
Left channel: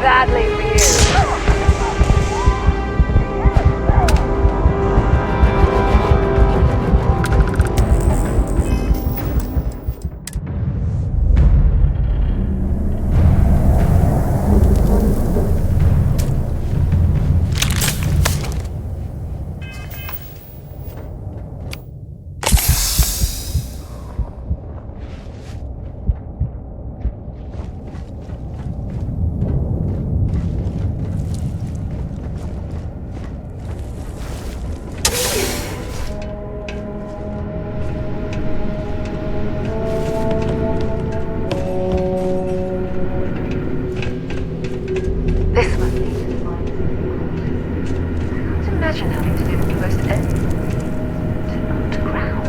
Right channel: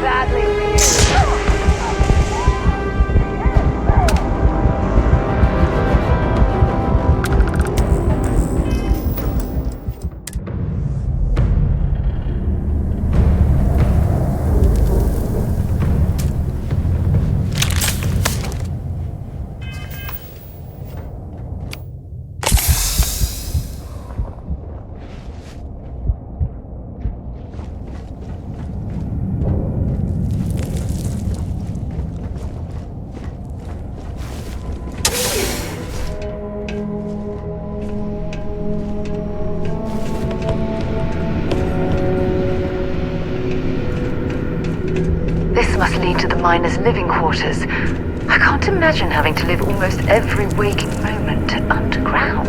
badly for you. This must lead to the miners' living quarters. I can't imagine having to live almost every waking moment underground.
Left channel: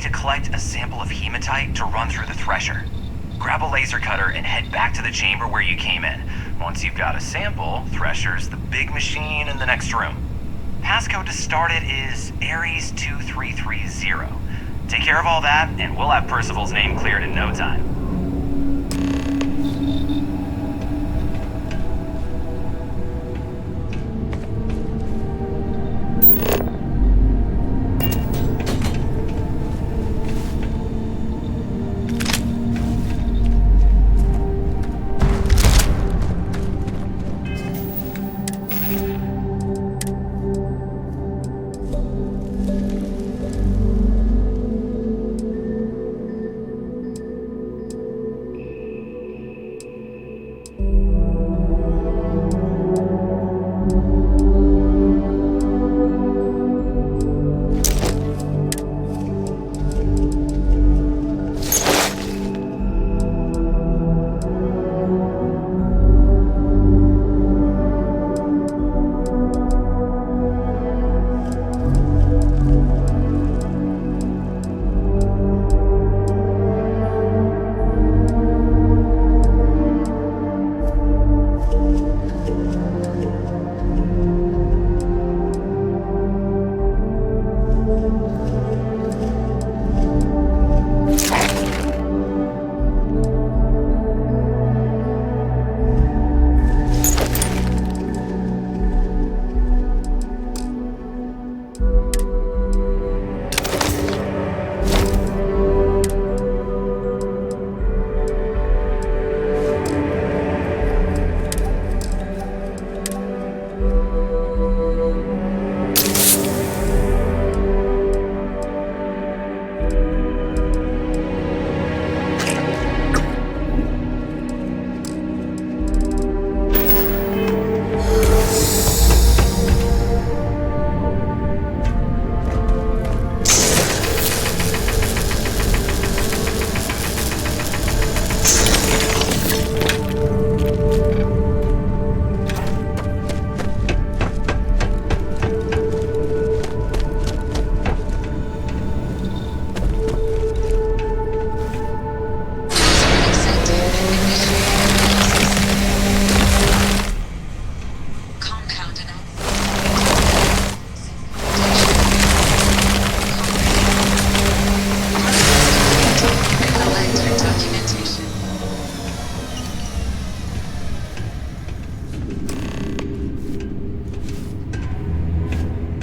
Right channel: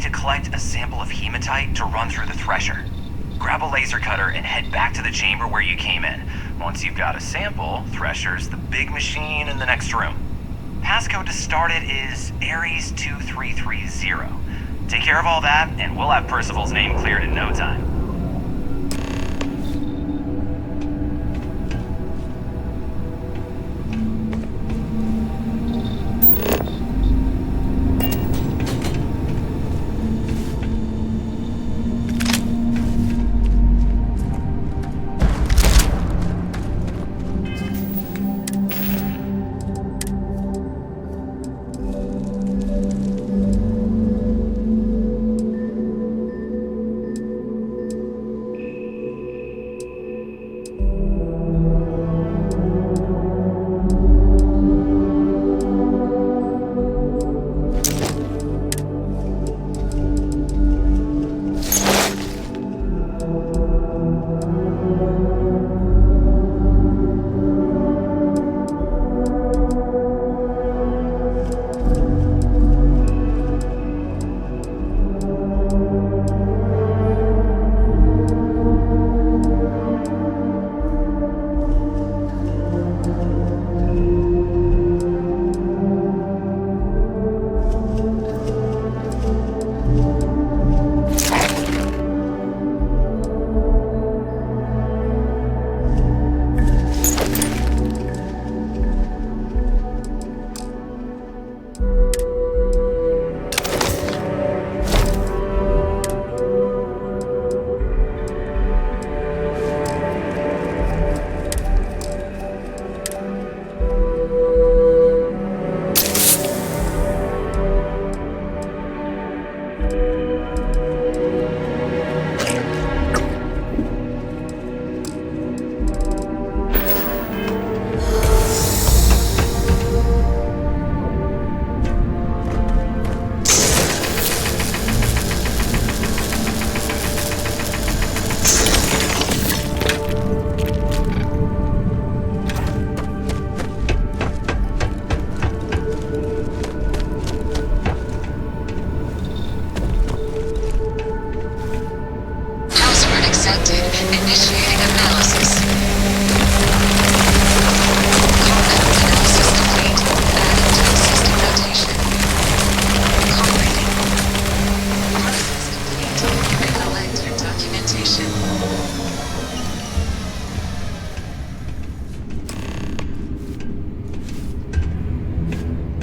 need to collect a sample of hematite to run through the thresher. Grab a laser cutter and head back to the chamber where you came in. Once you've got a sample, Thresher's the big machine in the next room. Passcode to start it is Ares 2330. Take care of all that, and we'll have Percival's name cleared in no time.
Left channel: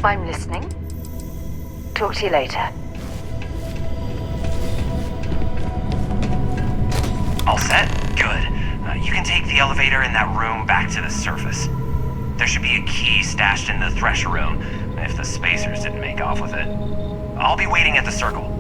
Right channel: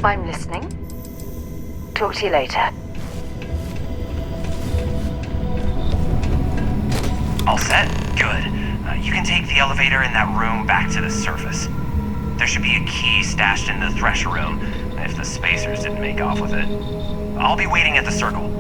I'm listening. Talk to you later. All set? Good. You can take the elevator in that room back to the surface. There should be a key stashed in the thresher room, if the spacers didn't make off with it. I'll be waiting at the circle.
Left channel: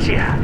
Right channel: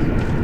Gotcha.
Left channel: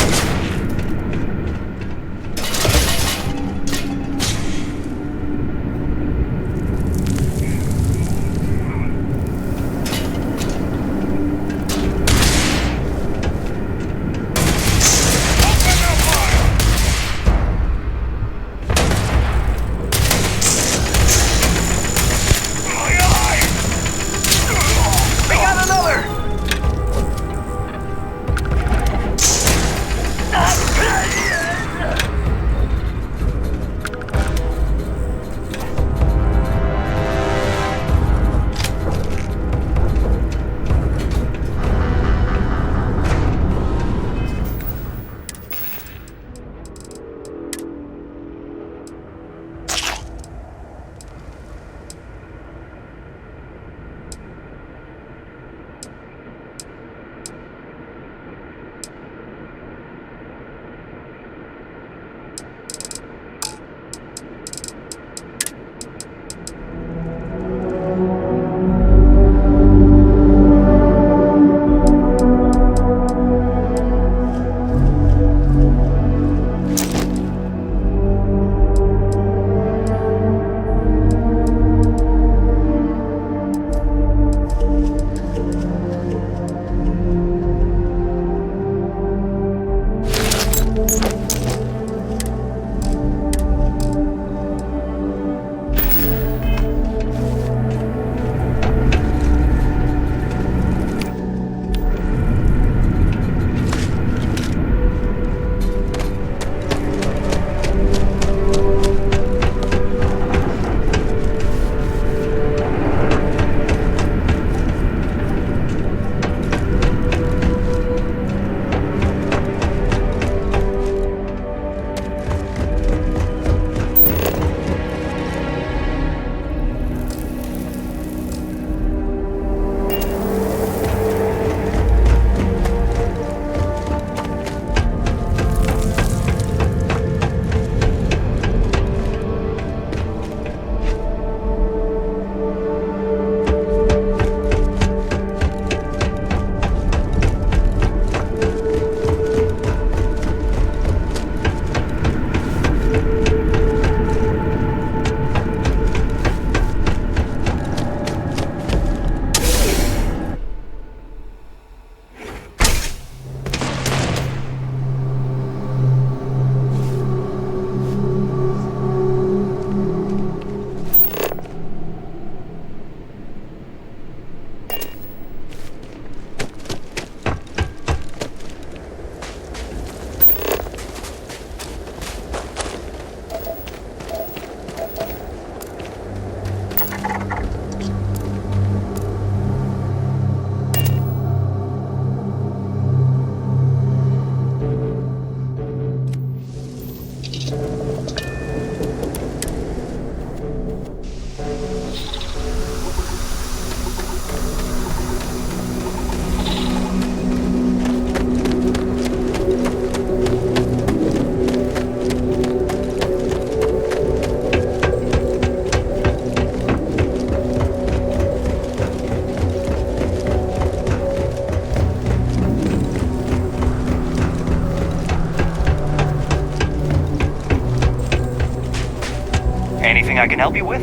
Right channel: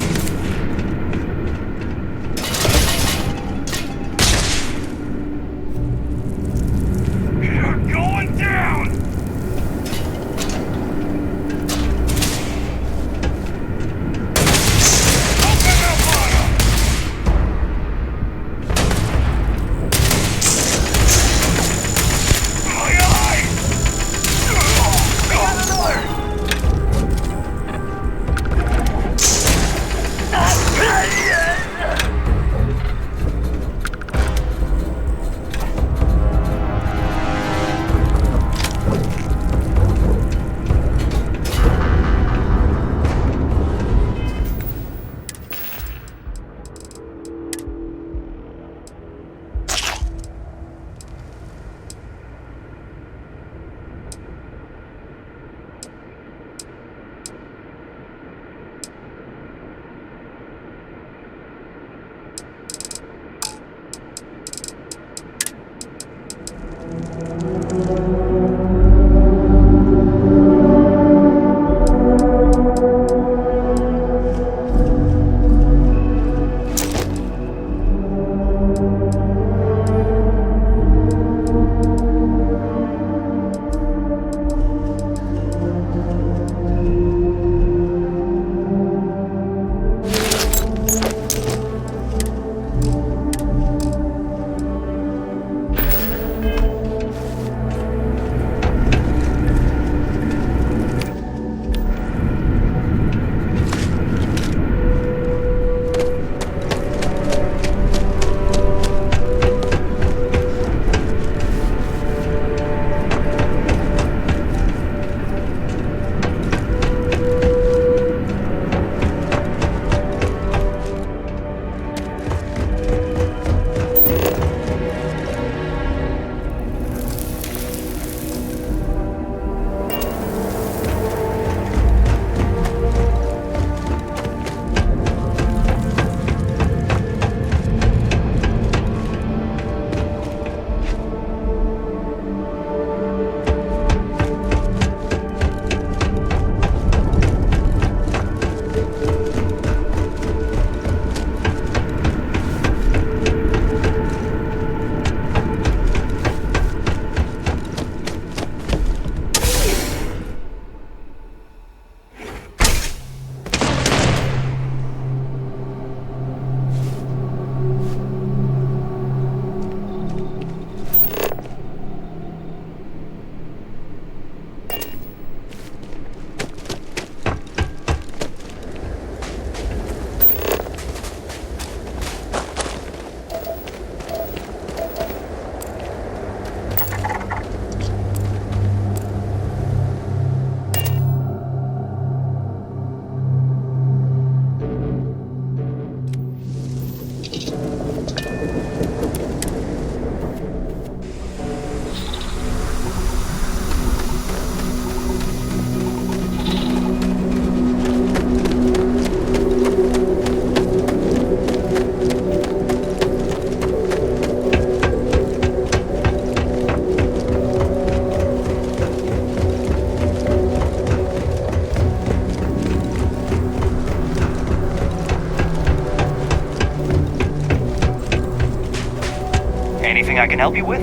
Anything I can help you with?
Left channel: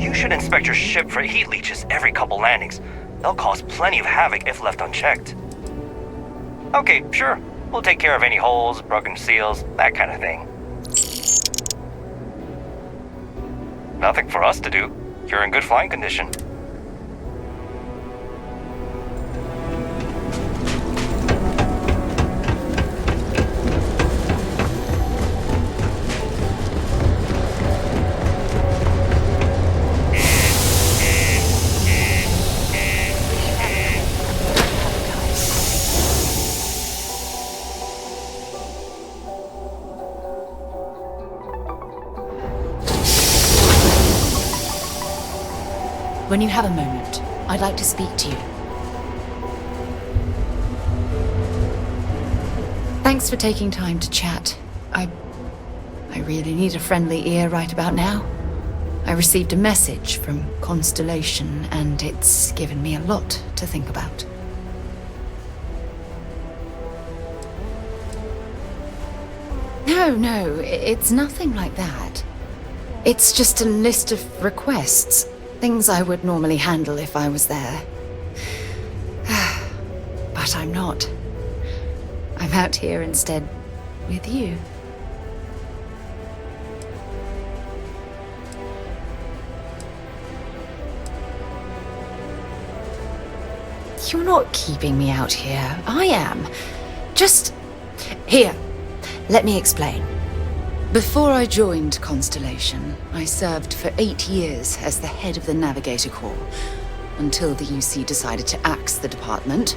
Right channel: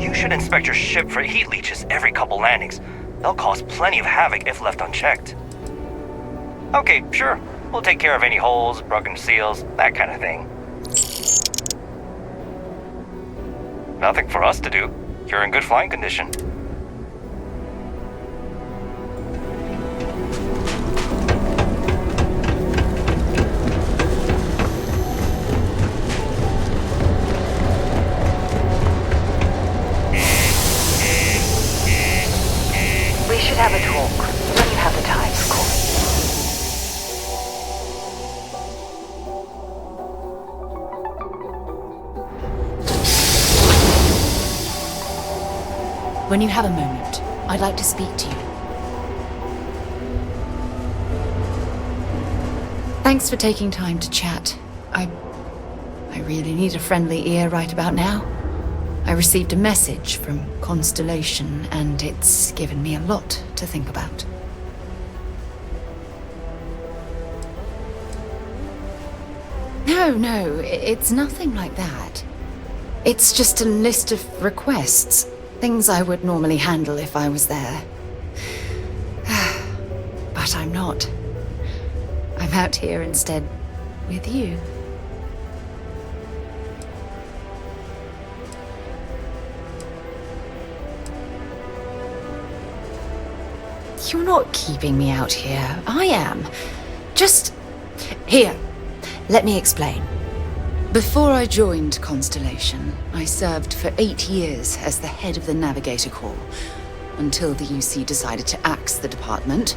You should inspect your ship for heat leeches every couple landings. They'll cause plenty of havoc if left unchecked. Okay, sure. We'll take care of any holes, broken seals, that kind of thing. Nothing for us to do. You're in good flying condition. When you have a moment, I'd like to speak to you. Thanks for taking time to chat. I really need a friendly ear right about now. I received a message from Constellation, and it's given me a lot to think about. No, it's nothing like that. It's just a list of requests. Things I would normally handle if I was there. But I'm not. I'm out here instead with you. You're not keeping me out here. I am. Just... Here, let me explain. Before I joined Constellation, I served for 8 years as the head of the Navigator Corps, until the UC decided to axe the department.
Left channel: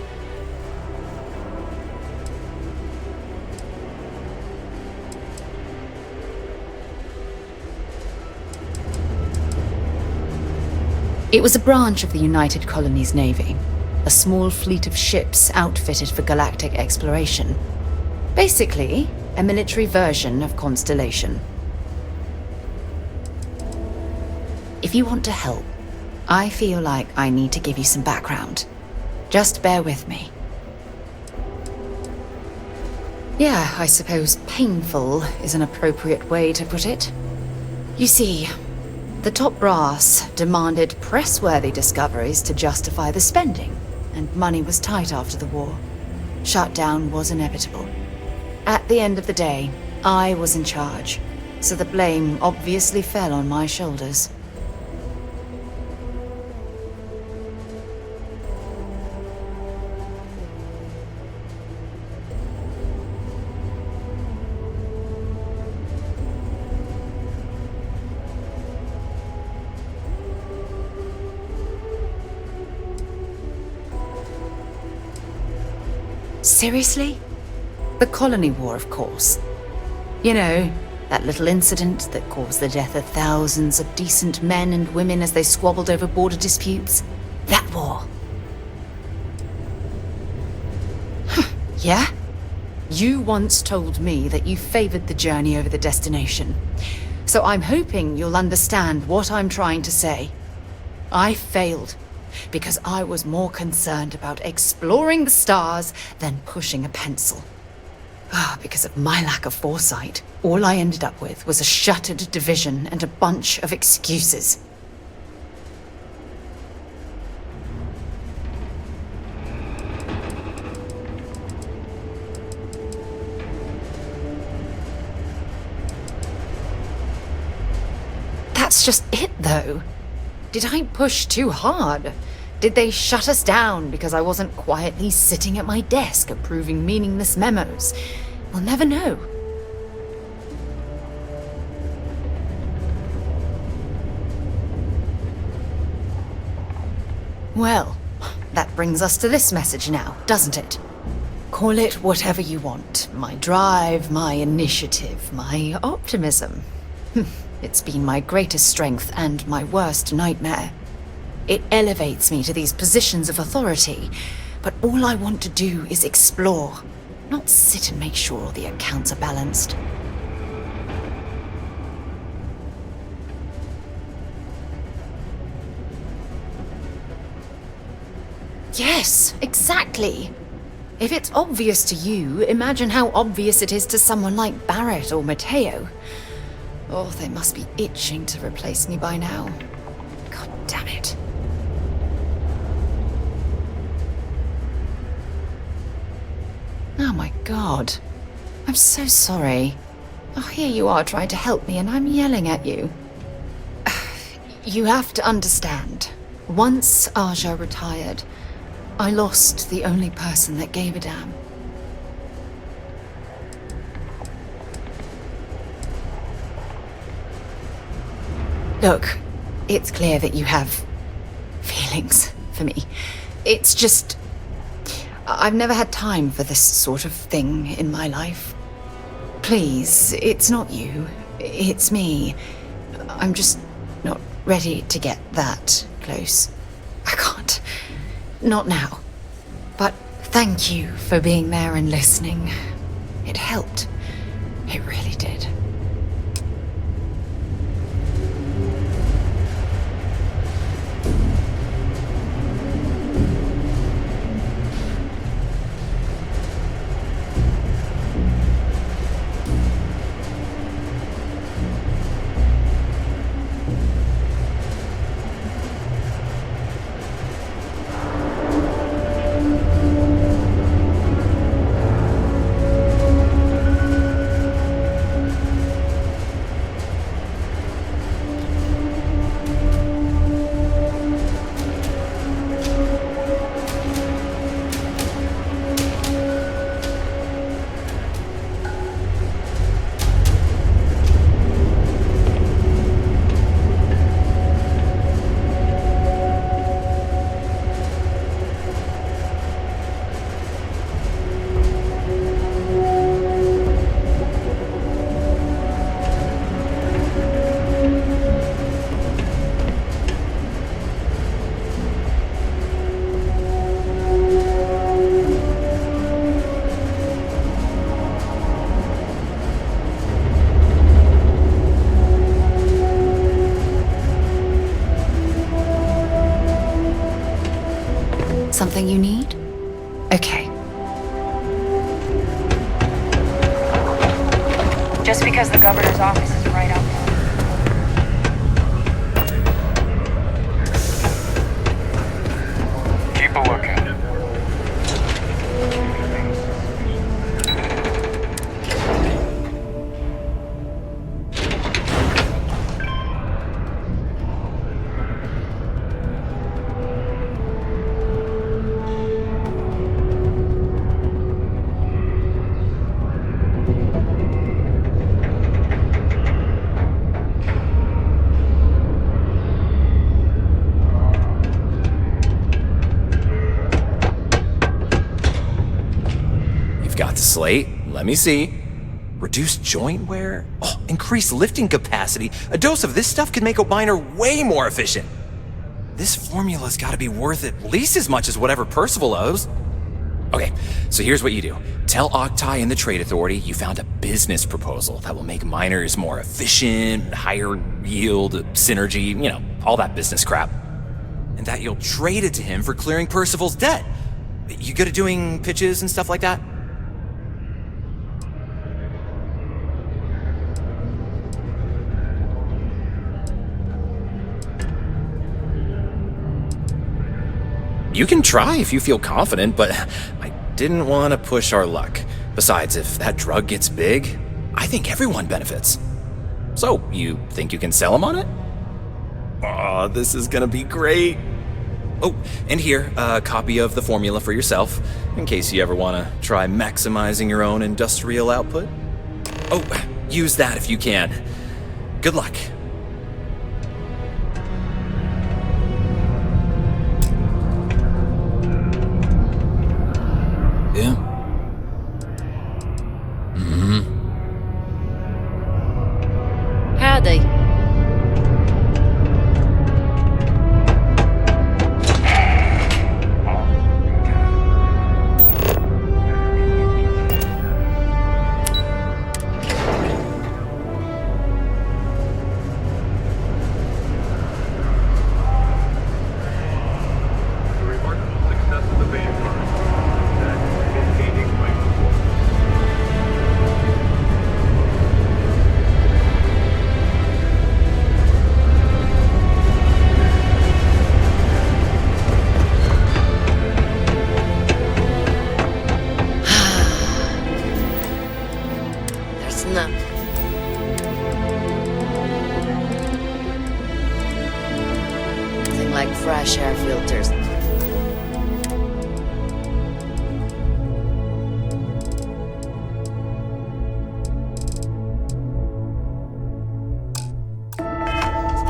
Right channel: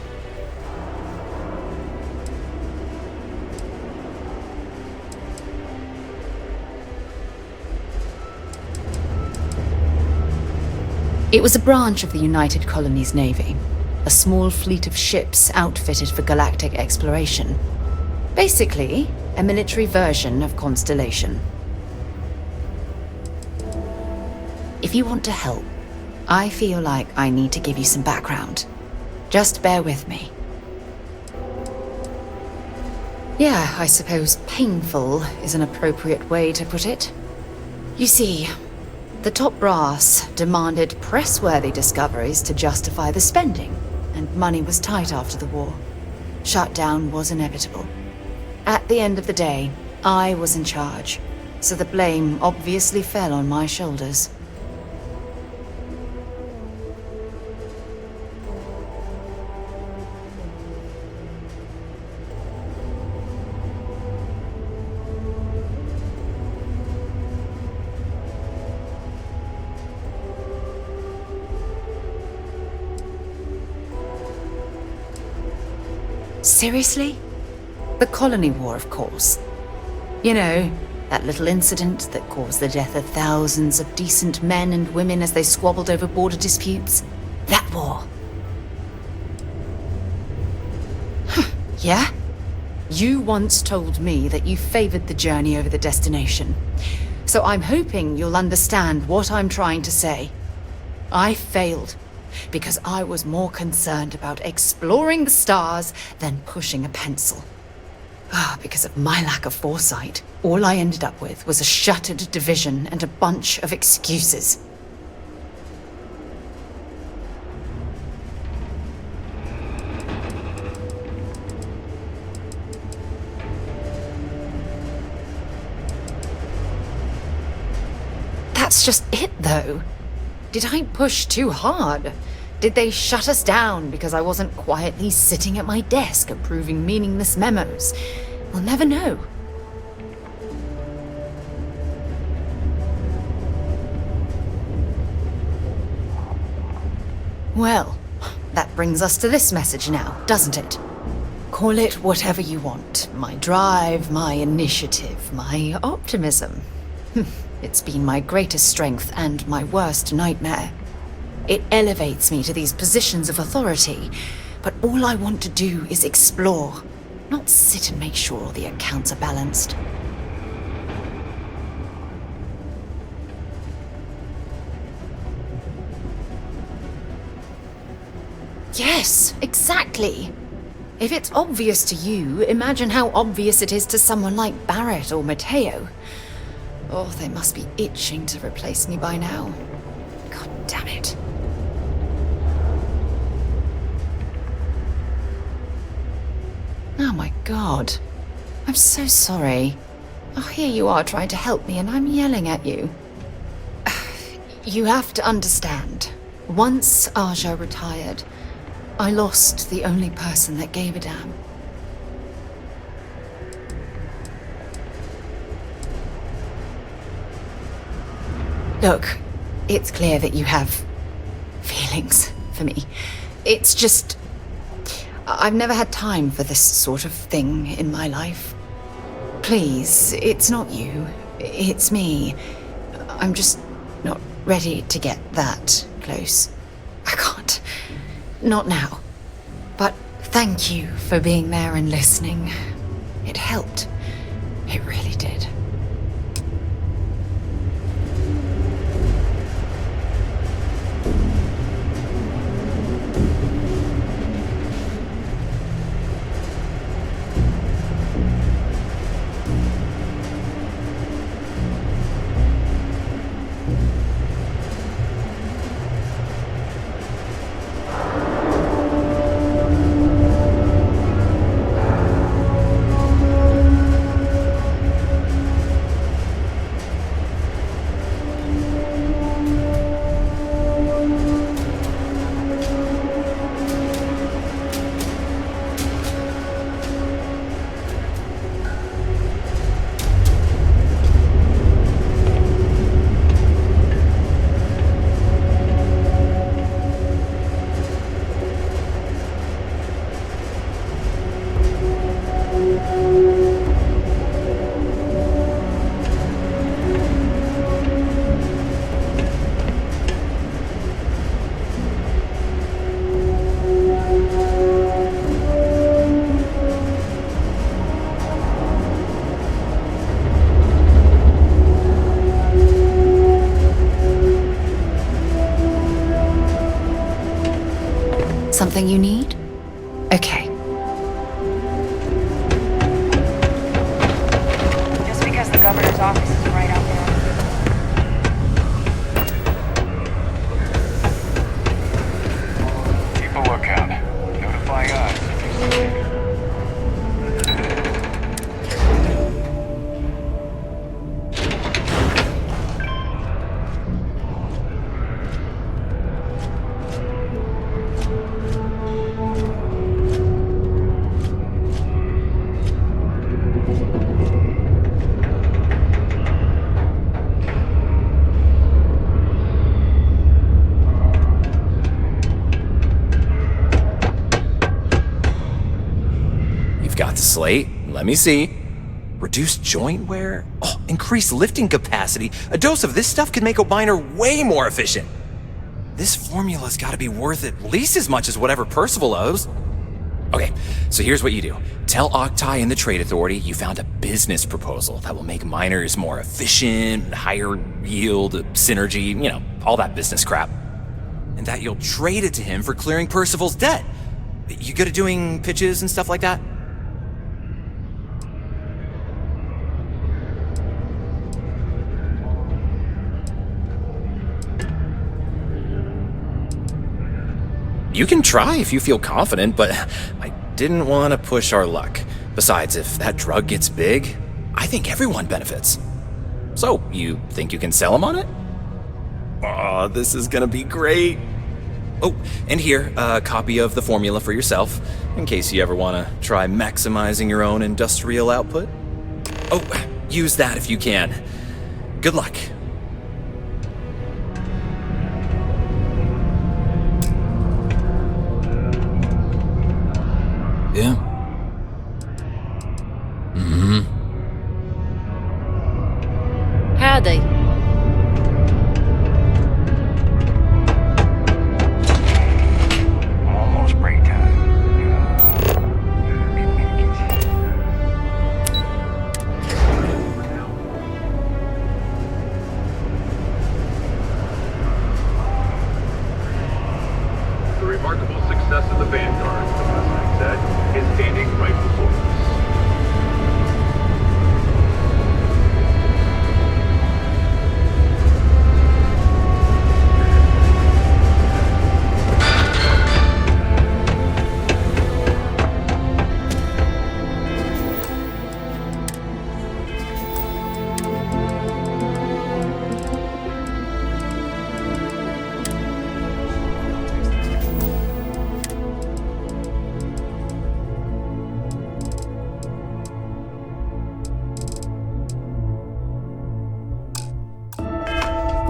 It was a branch of the United Colonies Navy, a small fleet of ships outfitted for galactic exploration. Basically, a military version of Constellation. If you want to help, I feel like I need to give you some background. Just bear with me. Yeah, I suppose painful is an appropriate way to put it. You see, the top brass demanded press-worthy discoveries to justify the spending, and money was tight after the war. Shutdown was inevitable. At the end of the day, I was in charge, so the blame obviously fell on my shoulders. Seriously? The Colony War, of course. You know, that little incident that caused the death of thousands of decent men and women as they squabbled over border disputes. That war. Yeah? You once told me that you favored the journey over the destination. So I'm hoping you'll understand what I'm trying to say. I failed. Because I was more concerned about exploring the stars than pushing a pencil. Because of my lack of foresight, all I ended up with was a shattered division and a bunch of excuses. That's just it, though. Did I push too hard? Did they shut us down because I wasn't quietly sitting at my desk approving meaningless memos? We'll never know. Well, that brings us to this message now, doesn't it? Call it whatever you want. My drive, my initiative, my optimism. It's been my greatest strength and my worst nightmare. It elevates me to these positions of authority, but all I want to do is explore, not sit and make sure the accounts are balanced. Yes, exactly. If it's obvious to you, imagine how obvious it is to someone like Barrett or Mateo. Oh, they must be itching to replace me by now. God damn it. Oh my god. I'm so sorry. Oh, here you are trying to help me and I'm yelling at you. You have to understand. Once Aja retired, I lost the only person that gave a damn. Look, it's clear that you have feelings for me. It's just... I've never had time for this sort of thing in my life. Please, it's not you. It's me. I'm just not ready to get that close. I can't. Not now. But thank you for being there and listening. It helped. It really did. something you need? Okay. Just because the governor's office is right out there. Keep a lookout. Flying up. Got the slate. Let me see. Reduced joint wear? Oh, increased lifting capacity. A dose of this stuff could make a miner way more efficient. This formula's gotta be worth at least as much as whatever Percival owes. Okay, so here's what you do. Tell Octai and the Trade Authority you found a business proposal that will make miners more efficient, higher yield, synergy, you know, all that business crap. And that you'll trade it to him for clearing Percival's debt. You good at doing pitches and stuff like that? You can try if you feel confident, but I didn't want to push our luck. Besides, if that drug gets big, I think everyone benefits. So, you think you can sell him on it? Oh, this is gonna be great. Oh, and here, a copy of the formula for yourself, in case you ever want to try maximizing your own industrial output. Oh, use that if you can. Good luck. Yeah? Mm-hmm. Howdy. Almost break time. The remarkable success of the Vanguard, as I said, is gaining right before us. There's nothing. Nothing like fresh air filters.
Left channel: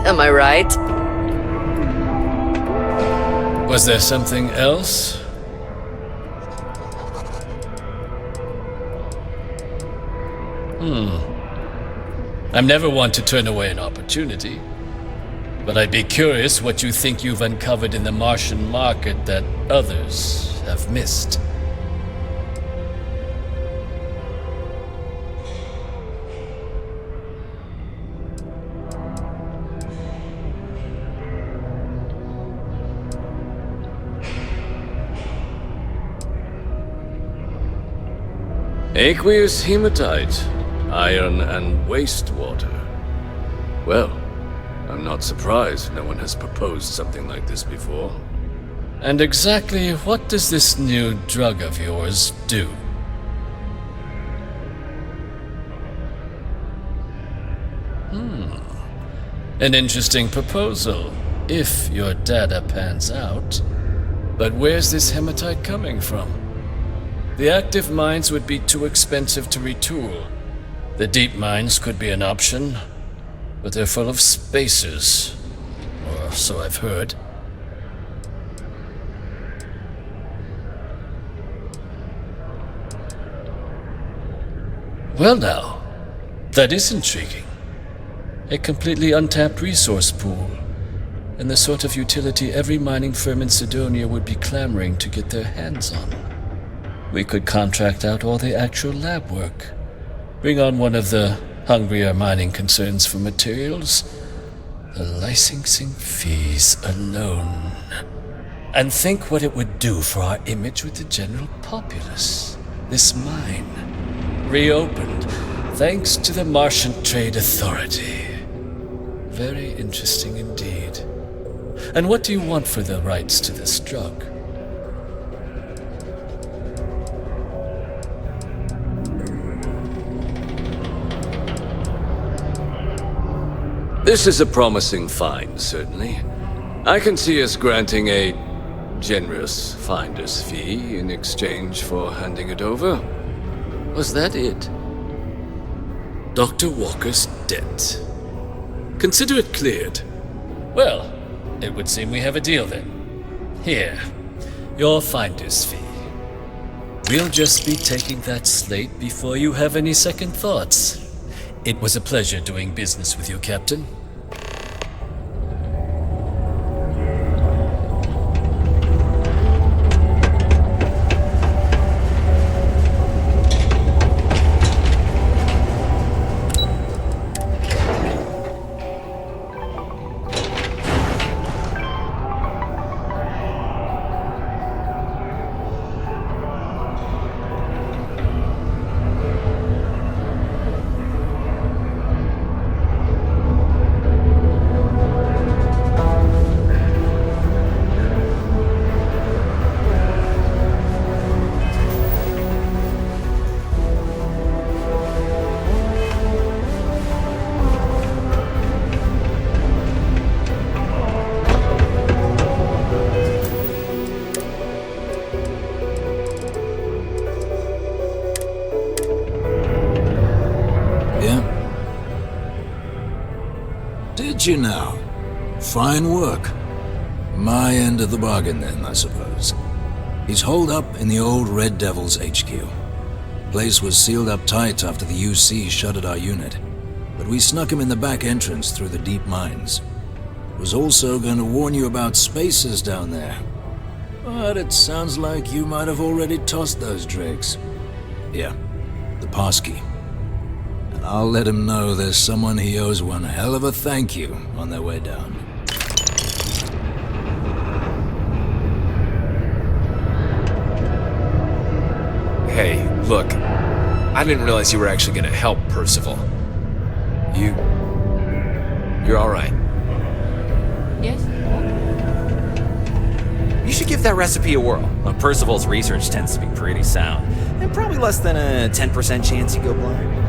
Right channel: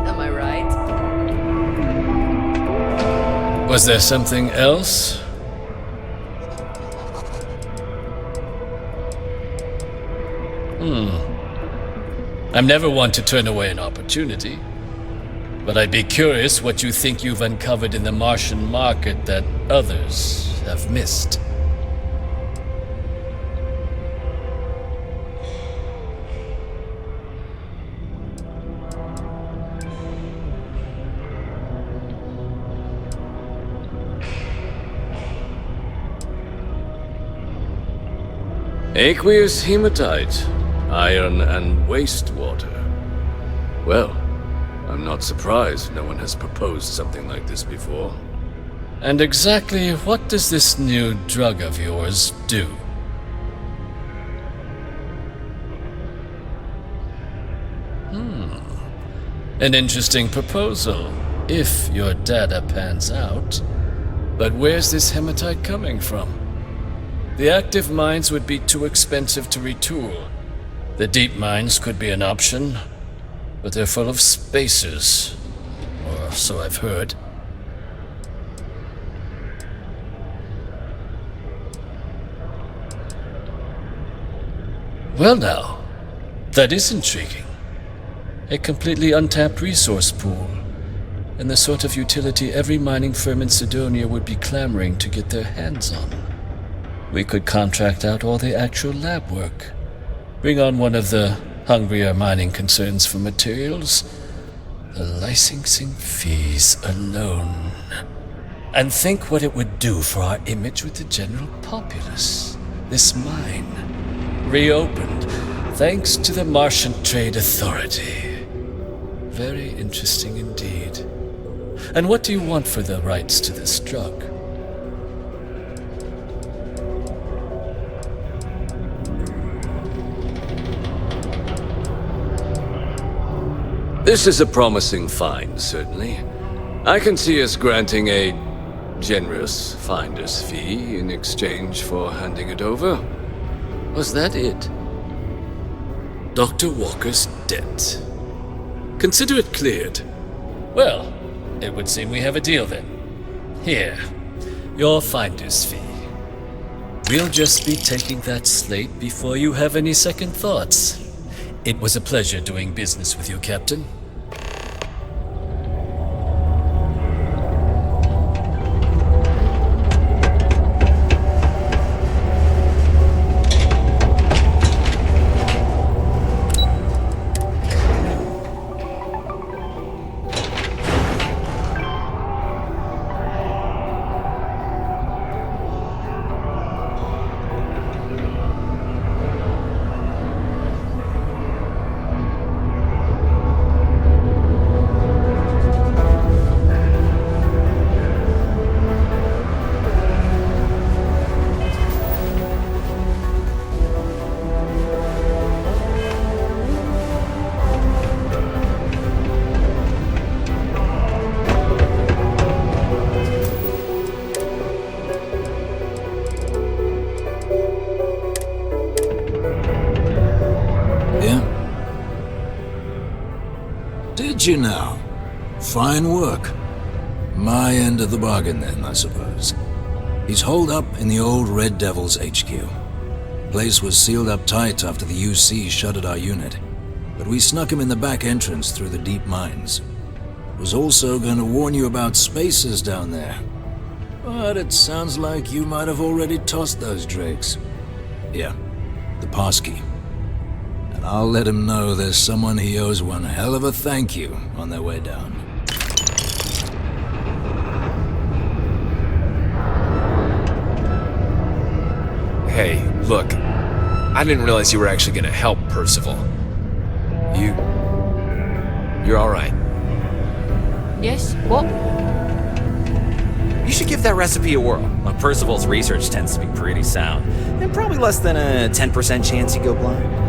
Am I right? Was there something else? I'm never one to turn away an opportunity. But I'd be curious what you think you've uncovered in the Martian market that others have missed. Aqueous hematite, iron and wastewater. Well, I'm not surprised no one has proposed something like this before. And exactly what does this new drug of yours do? An interesting proposal, if your data pans out. But where's this hematite coming from? The active mines would be too expensive to retool. The deep mines could be an option, but they're full of spacers, or so I've heard. Well now, that is intriguing. A completely untapped resource pool, and the sort of utility every mining firm in Sidonia would be clamoring to get their hands on. We could contract out all the actual lab work, bring on one of the hungrier mining concerns for materials. The licensing fees alone. And think what it would do for our image with the general populace. This mine, reopened thanks to the Martian Trade Authority. Very interesting indeed. And what do you want for the rights to this drug? This is a promising find, certainly. I can see us granting a generous finder's fee in exchange for handing it over. Was that it? Dr. Walker's debt. Consider it cleared. Well, it would seem we have a deal then. Here, your finder's fee. We'll just be taking that slate before you have any second thoughts. It was a pleasure doing business with you, Captain. Did you now? Fine work. My end of the bargain then, I suppose. He's holed up in the old Red Devil's HQ. Place was sealed up tight after the UC shuttered our unit, but we snuck him in the back entrance through the deep mines. Was also going to warn you about spacers down there, but it sounds like you might have already tossed those drakes. Yeah, the passkey. And I'll let him know there's someone he owes one hell of a thank you on their way down. Hey, look. I didn't realize you were actually gonna help Percival. You're alright. Yes? What? You should give that recipe a whirl. Well, Percival's research tends to be pretty sound, and probably less than a 10% chance you go blind.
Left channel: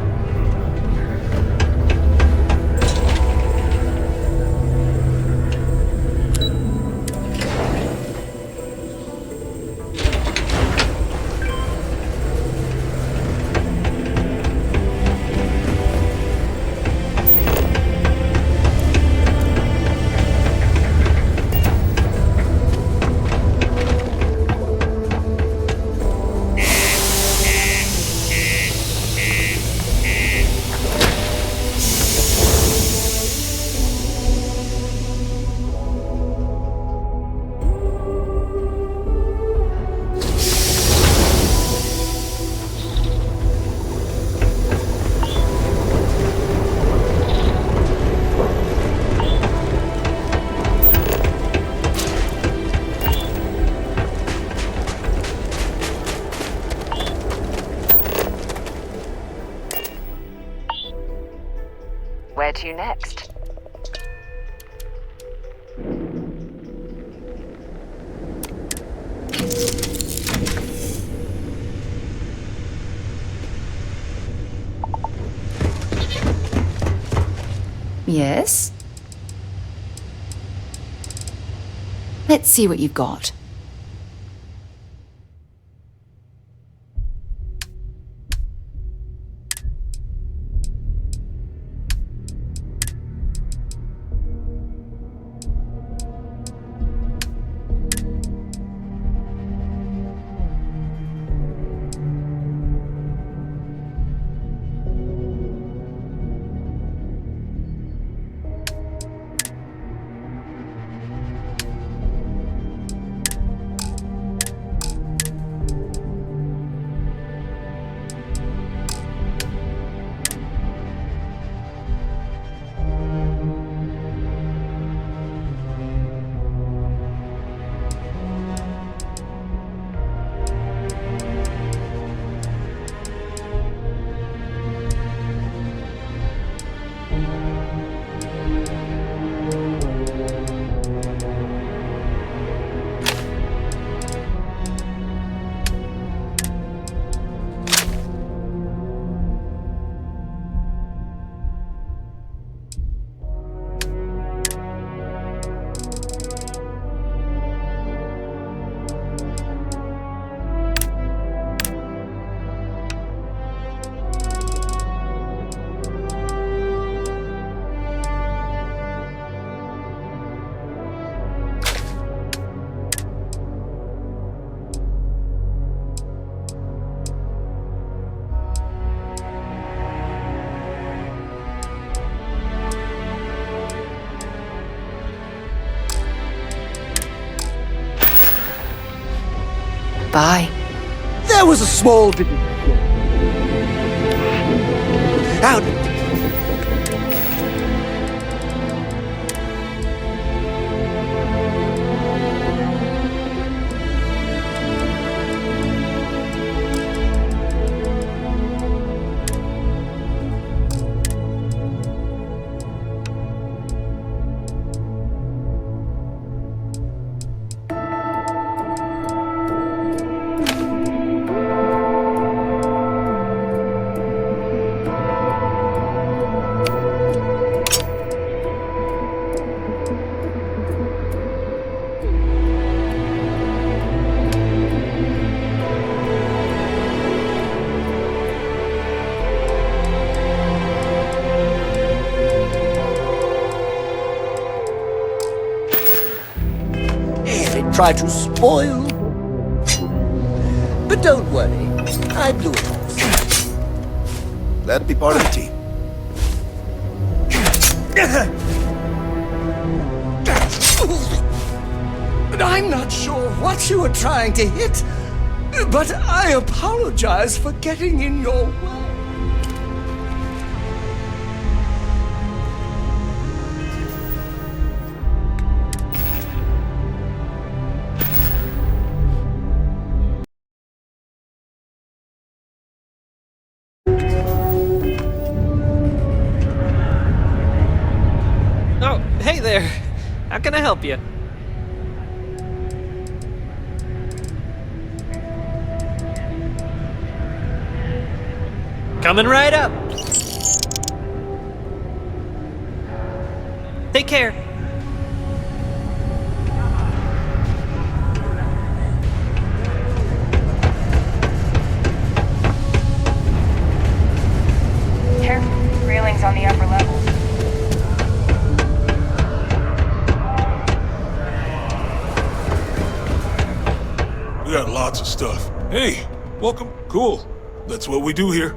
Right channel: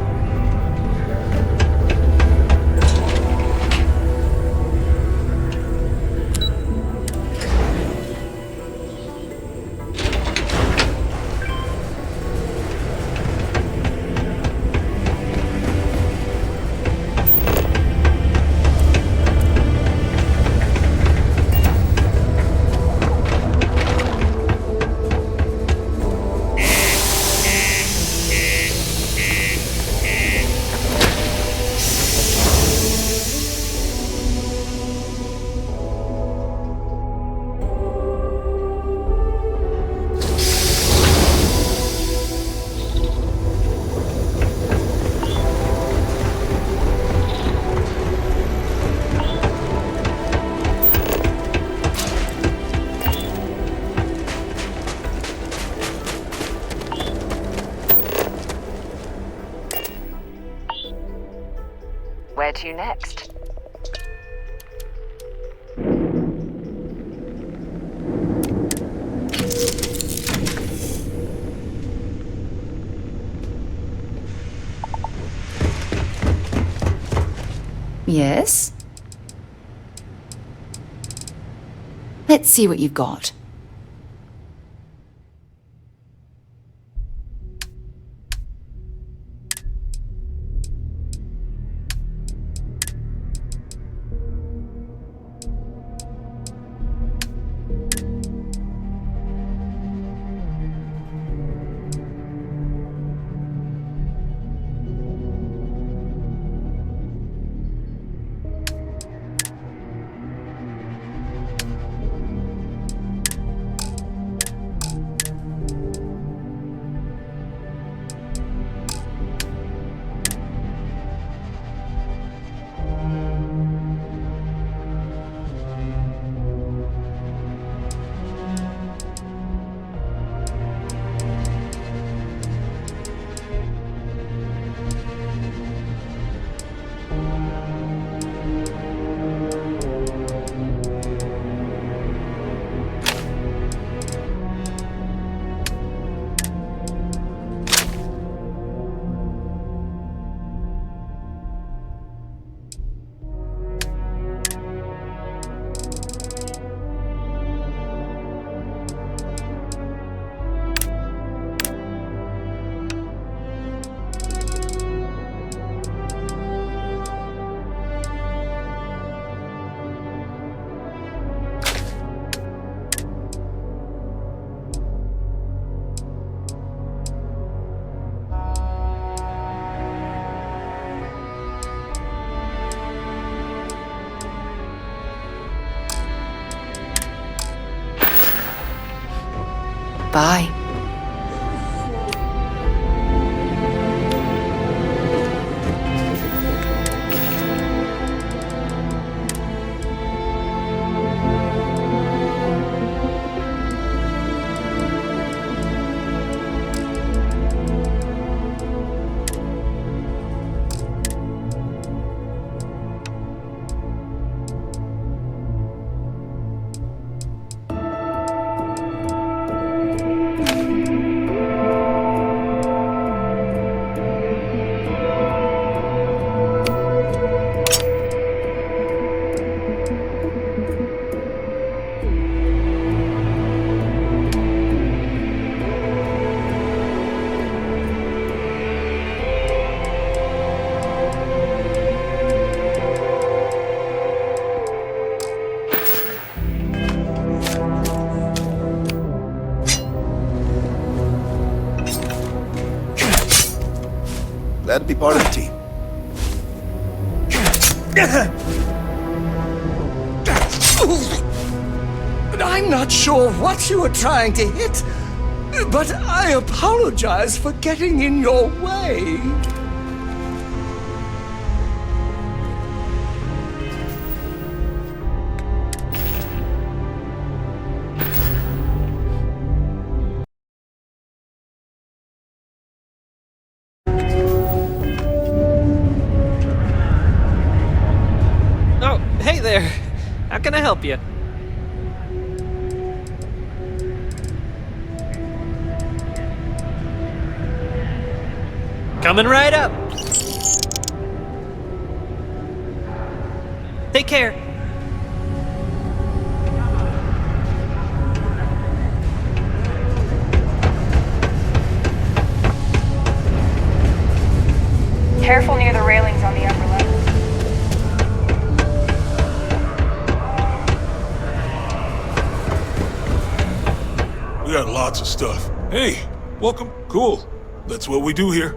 Where to next? Yes? Let's see what you've got. Goodbye. There was a small bit... Howdy. Try to spoil. But don't worry, I blew it. Glad to be part of the team. I'm not sure what you were trying to hit, but I apologize for getting in your way. Oh, hey there. How can I help you? Coming right up. Take care. Careful near the railings on the upper levels. We got lots of stuff. Hey, welcome. Cool. That's what we do here.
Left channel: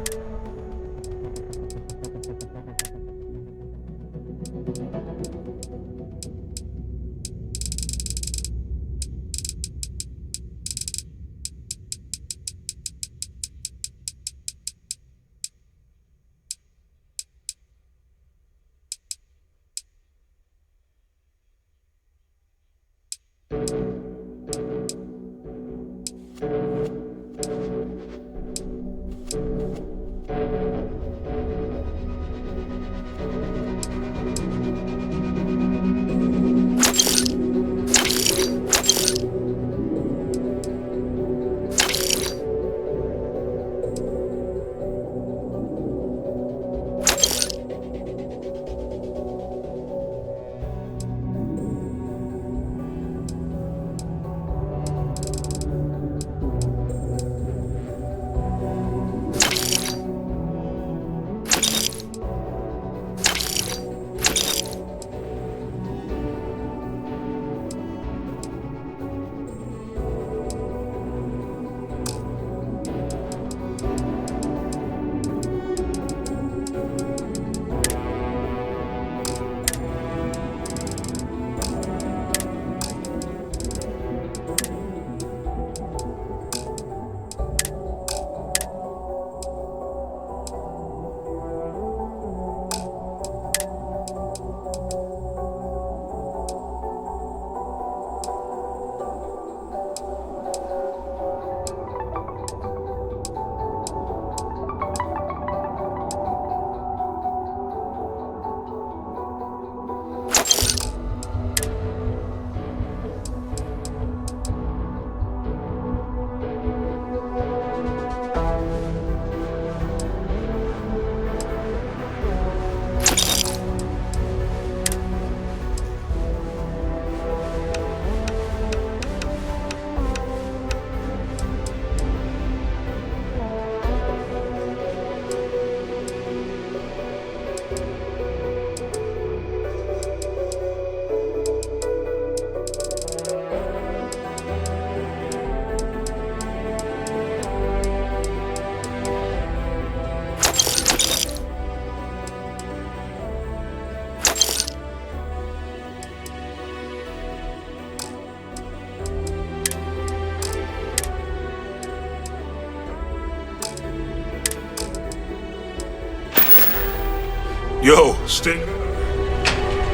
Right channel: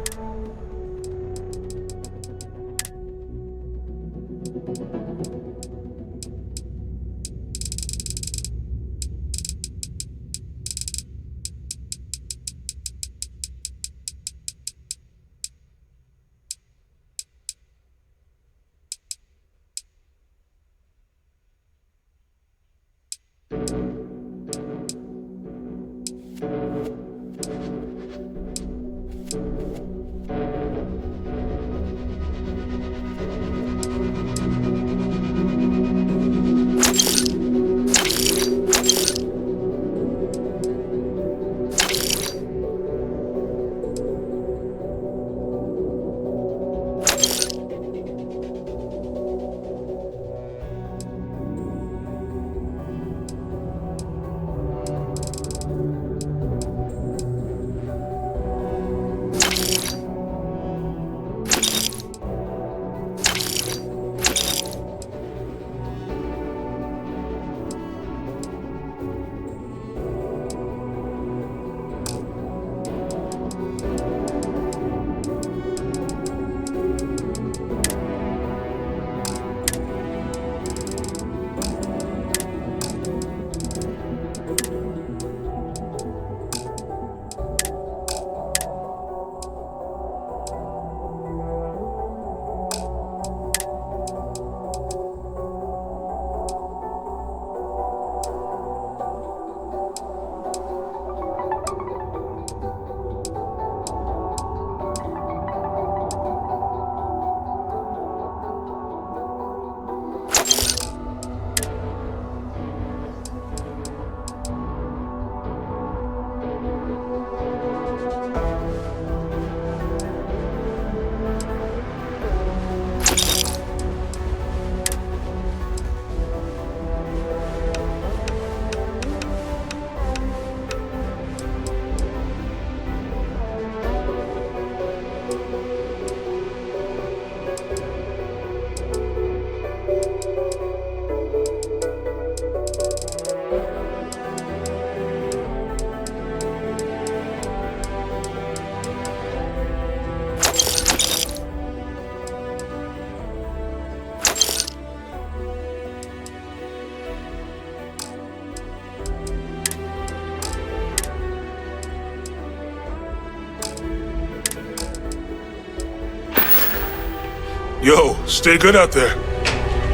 Yo, stay good out there.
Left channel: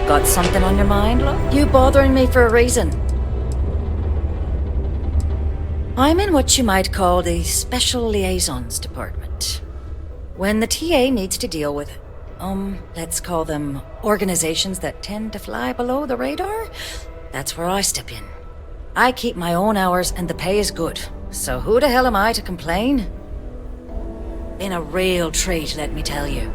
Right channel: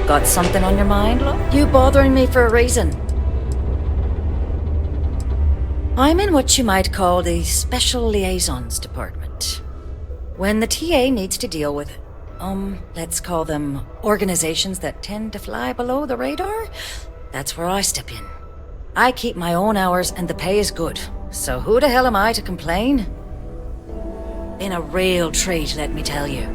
Got something on your mind, look? You bothering me for a reason. I'm in what you might call the Special Liaisons Department. When the TA needs to deal with, let's call them organizations that tend to fly below the radar, that's where I step in. I keep my own hours and the pay is good, so who the hell am I to complain? Been a real treat, let me tell you.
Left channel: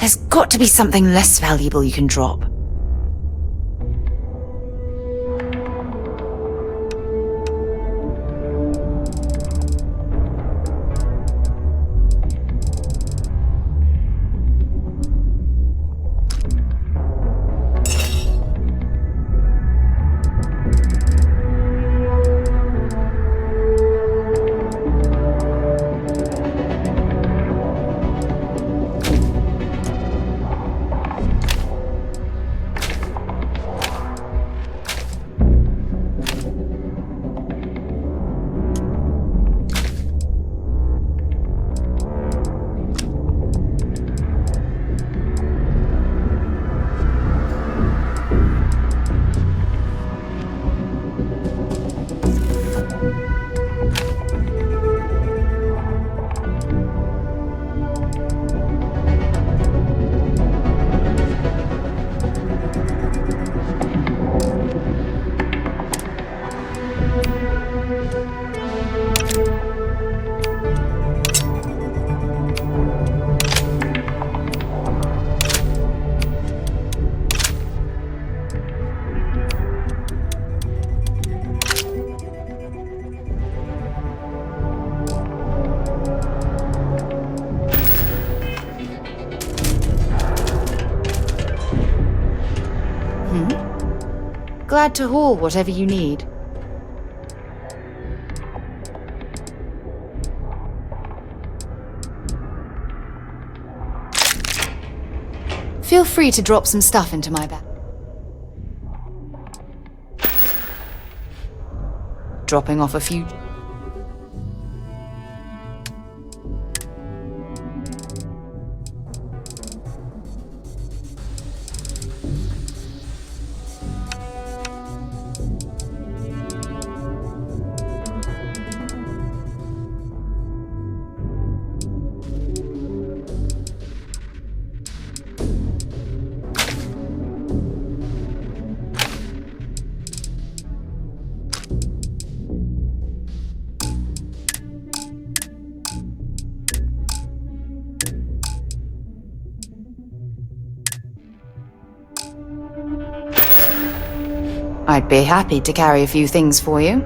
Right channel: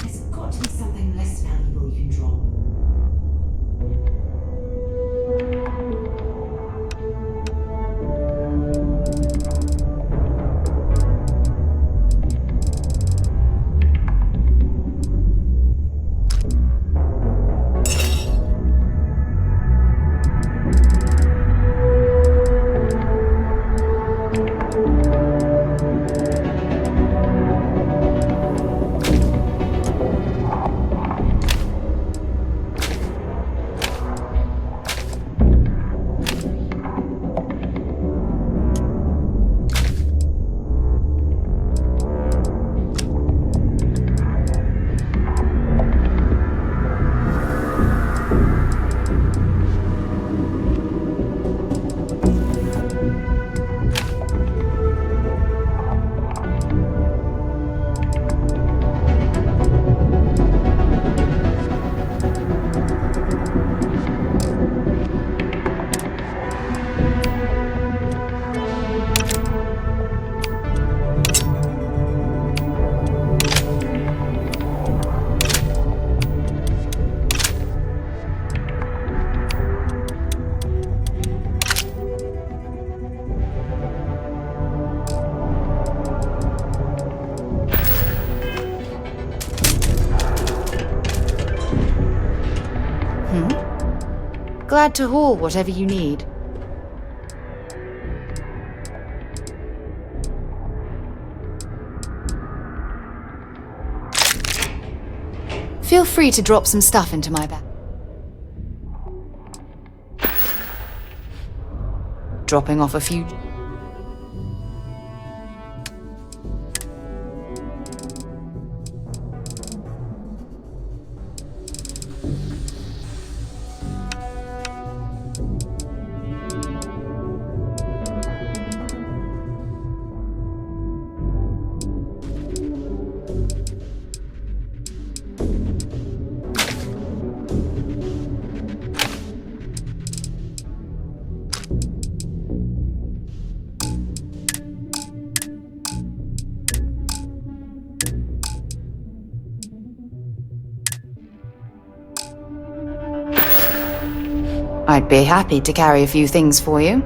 There's got to be something less valuable you can drop. Glad to haul whatever you need. Feel free to drop some stuff into my bag. Dropping off a few... I'd be happy to carry a few things for you.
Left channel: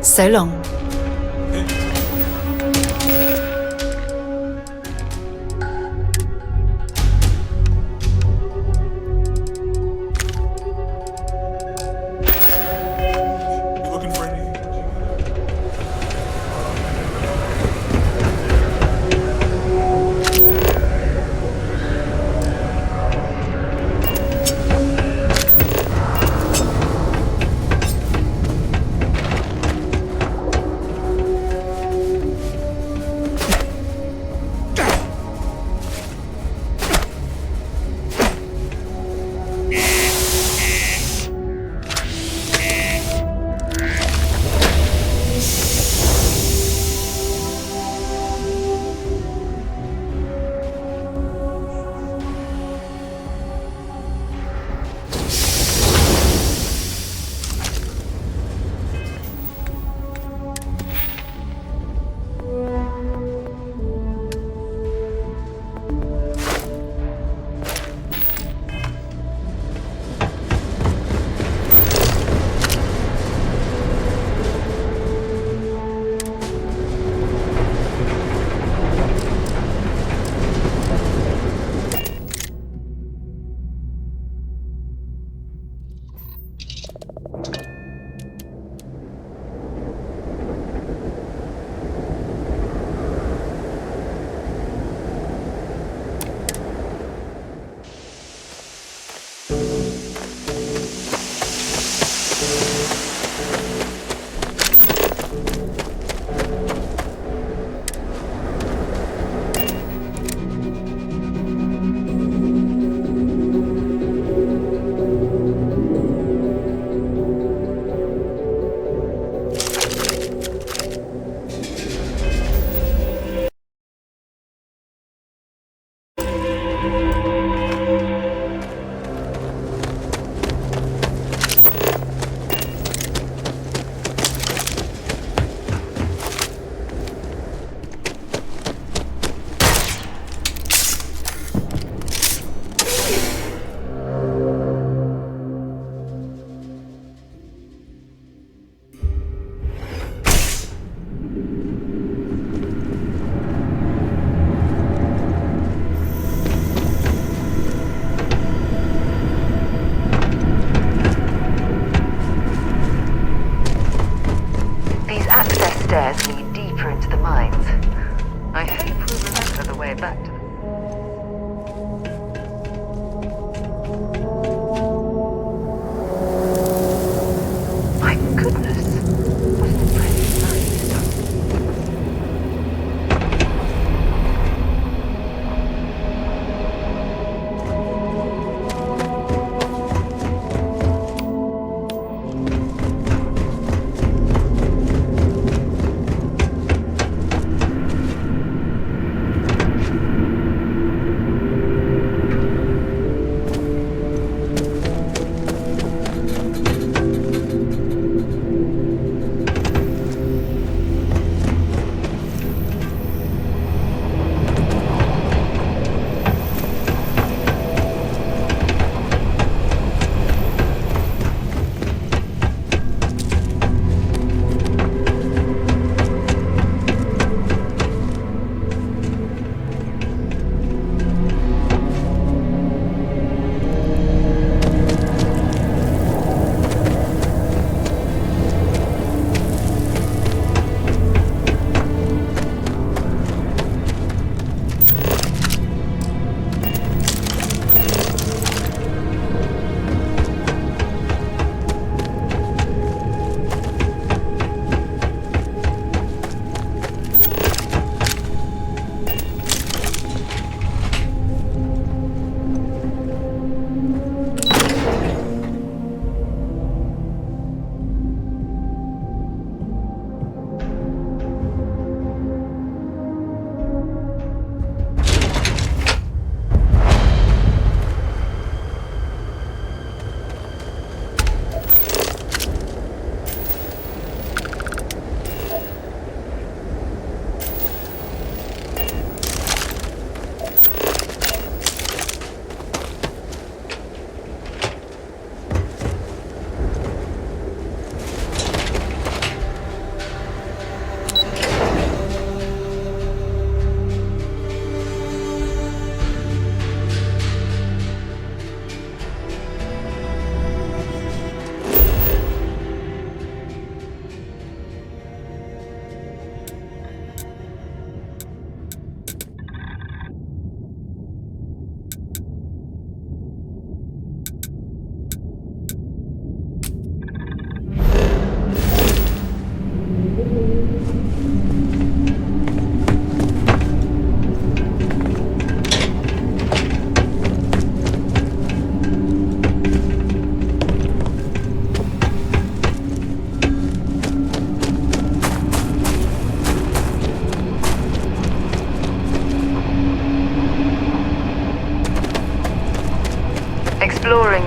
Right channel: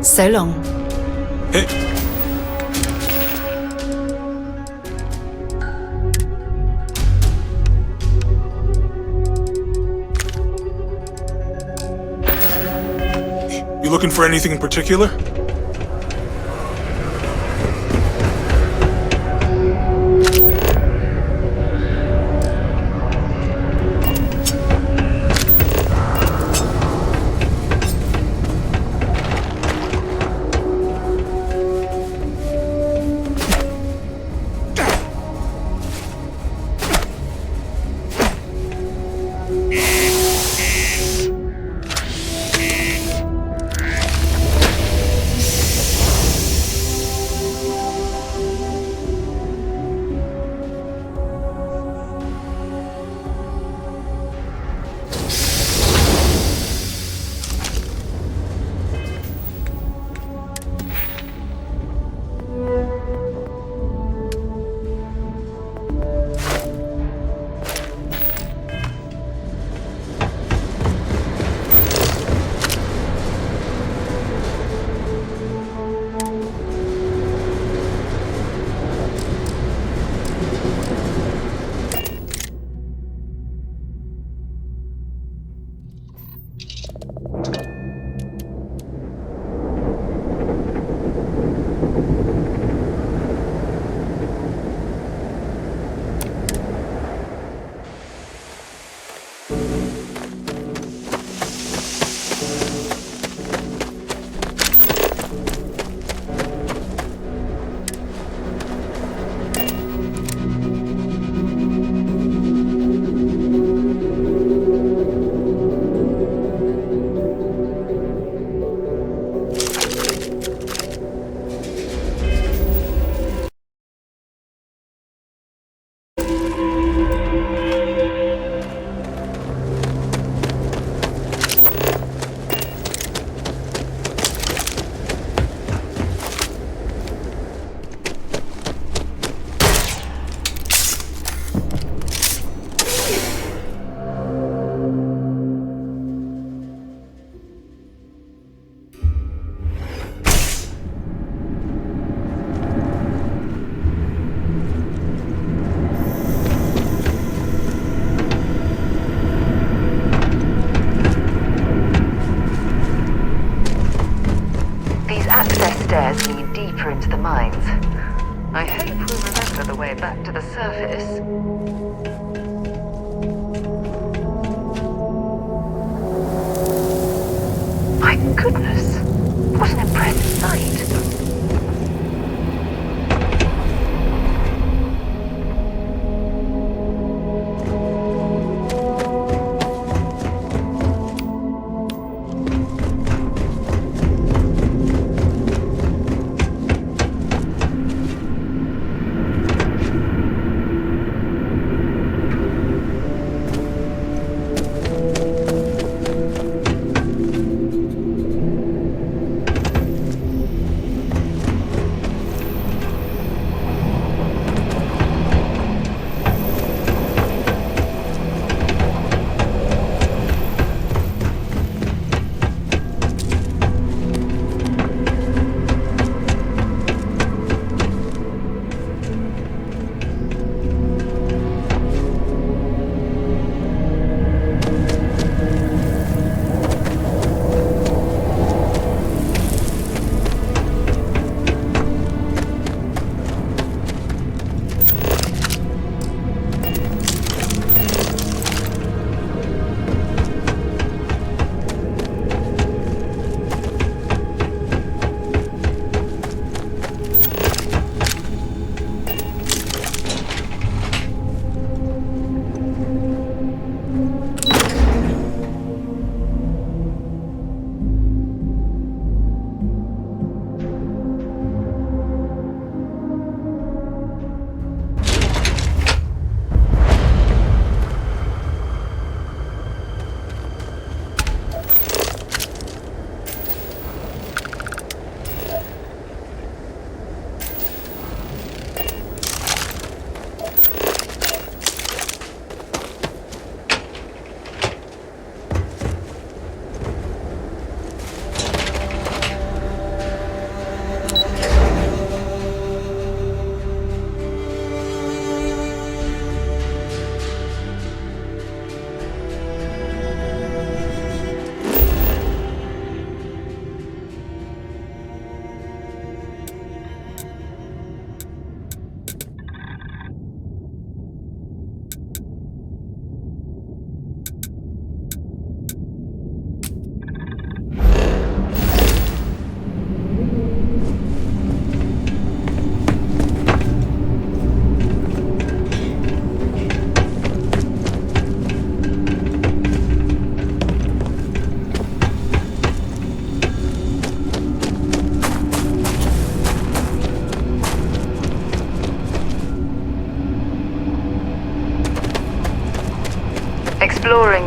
So long. Hey. Looking for anything in particular? Stairs lead deeper into the mines. I hope we'll remember the way back to the surface. My goodness, what an impressive sight.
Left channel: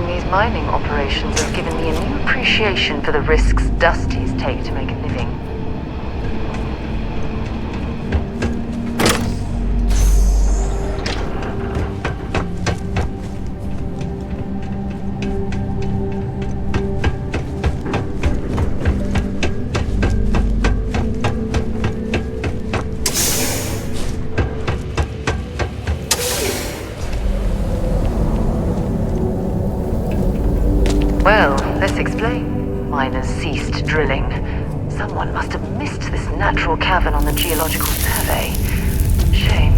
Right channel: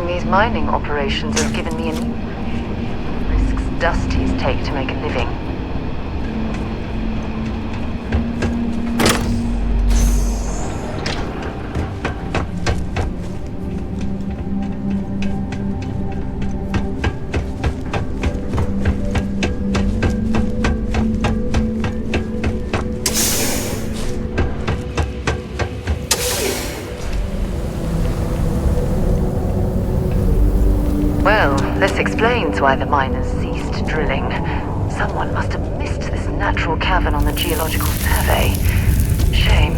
Doing these mining operations has given me a new appreciation for the risks Dusties take to make a living. Well, this explains why the miners ceased drilling. Someone must have missed this natural cavern on the geological survey. Shame.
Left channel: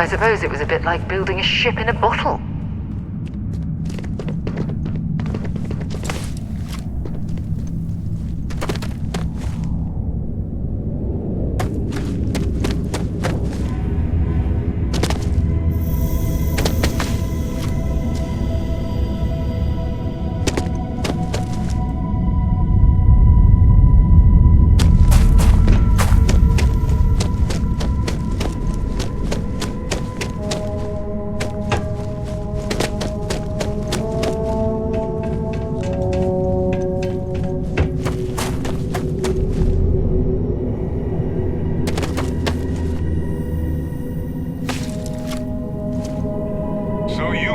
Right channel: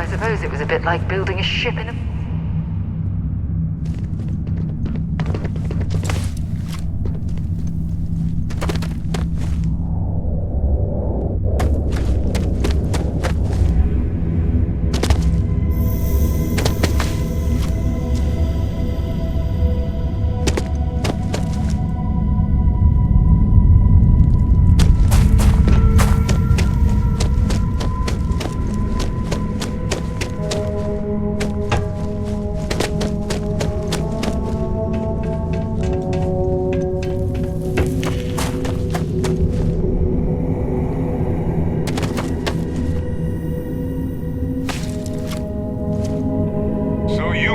I suppose it was a bit like building a ship in a bottle.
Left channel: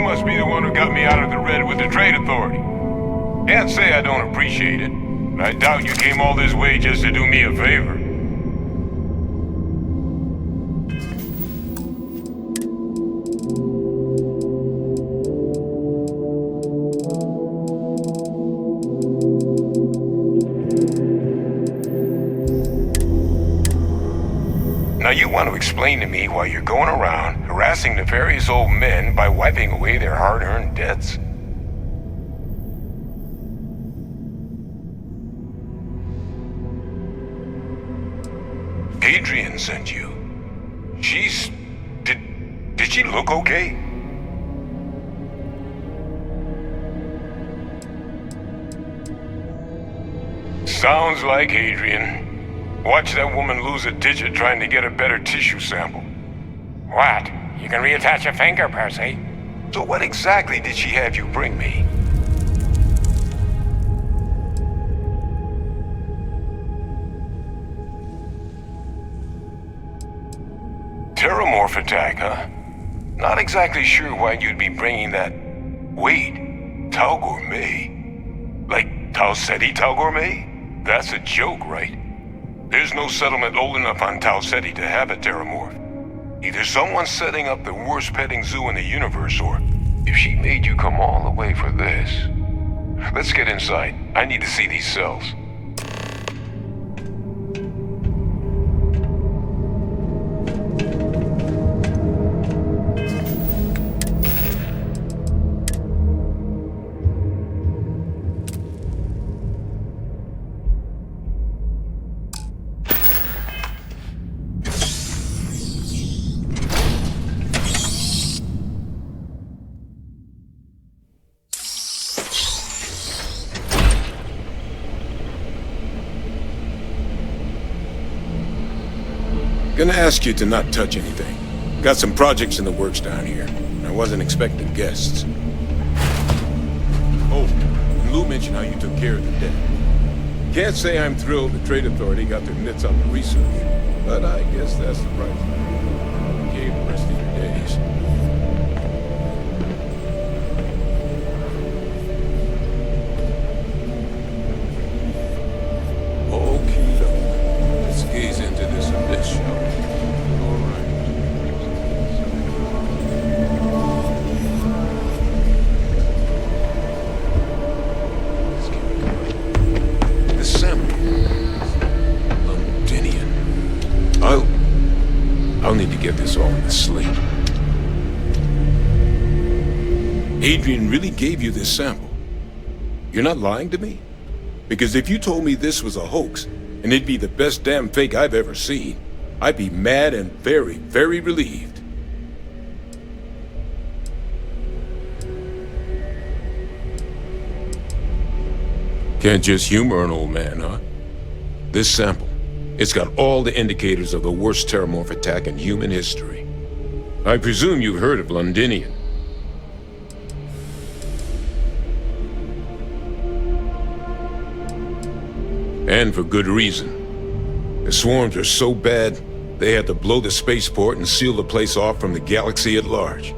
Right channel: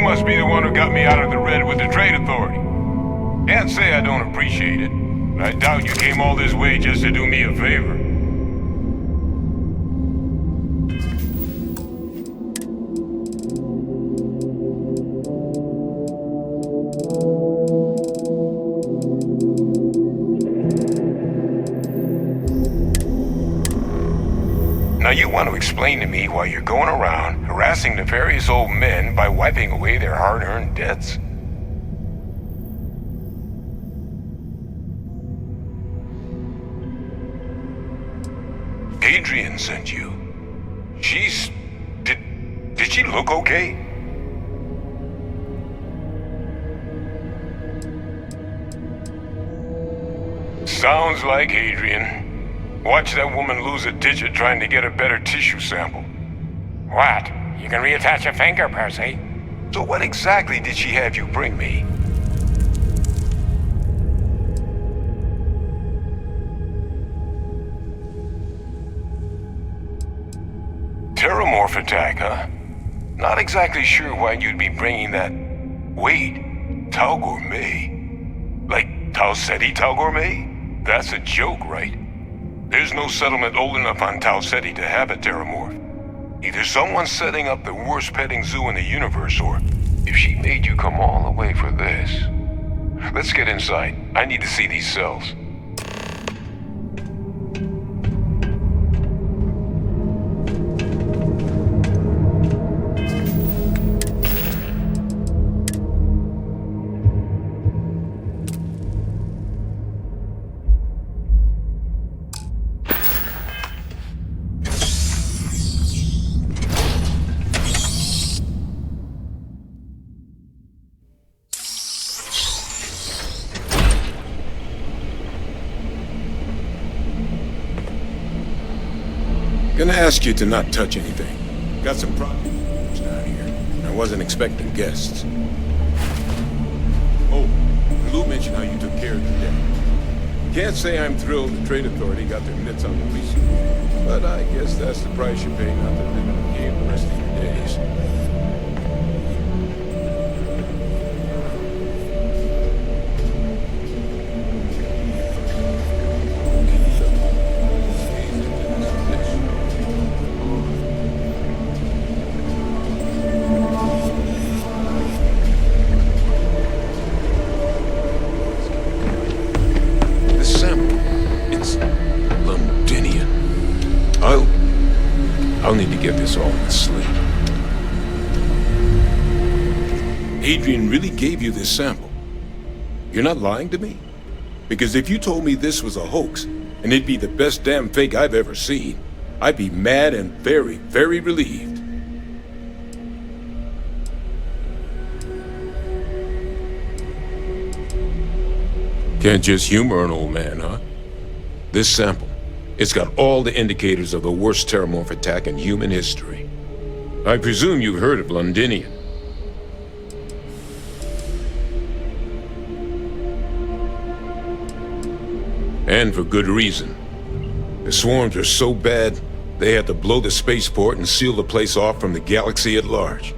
Must be the one who got me out of the red with the Trade Authority. Can't say I don't appreciate it, but I doubt you came all this way just to do me a favor. Now you want to explain to me why you're going around harassing nefarious old men by wiping away their hard-earned debts? Adrian sent you. She's... Did she look okay? Sounds like Adrian. Watch that woman lose a digit trying to get a better tissue sample. What? You can reattach a finger, Percy. So what exactly did she have you bring me? Terramorph attack, huh? Not exactly sure why you'd be bringing that... Wait, Tau Gourmet? Like Tau Ceti Tau Gourmet? That's a joke, right? There's no settlement old enough on Tau Ceti to have a Terramorph. Either someone's setting up the worst petting zoo in the universe, or if she made you come all the way for this. Let's get inside. I need to see these cells. Gonna ask you to not touch anything. Got some projects in the works down here. I wasn't expecting guests. Oh, and Lou mentioned how you took care of the debt. Can't say I'm thrilled the Trade Authority got their mitts on the research, but I guess that's the price you pay not to live in a cave the rest of your days. Let's gaze into this abyss, shall we? All right. Let's keep it going. The sample, it's Londinian. I'll need to get this all in the slate. Adrian really gave you this sample. You're not lying to me? Because if you told me this was a hoax, and it'd be the best damn fake I've ever seen, I'd be mad and very, very relieved. Can't just humor an old man, huh? This sample, it's got all the indicators of the worst terramorph attack in human history. I presume you've heard of Londinian. And for good reason. The swarms are so bad, they had to blow the spaceport and seal the place off from the galaxy at large.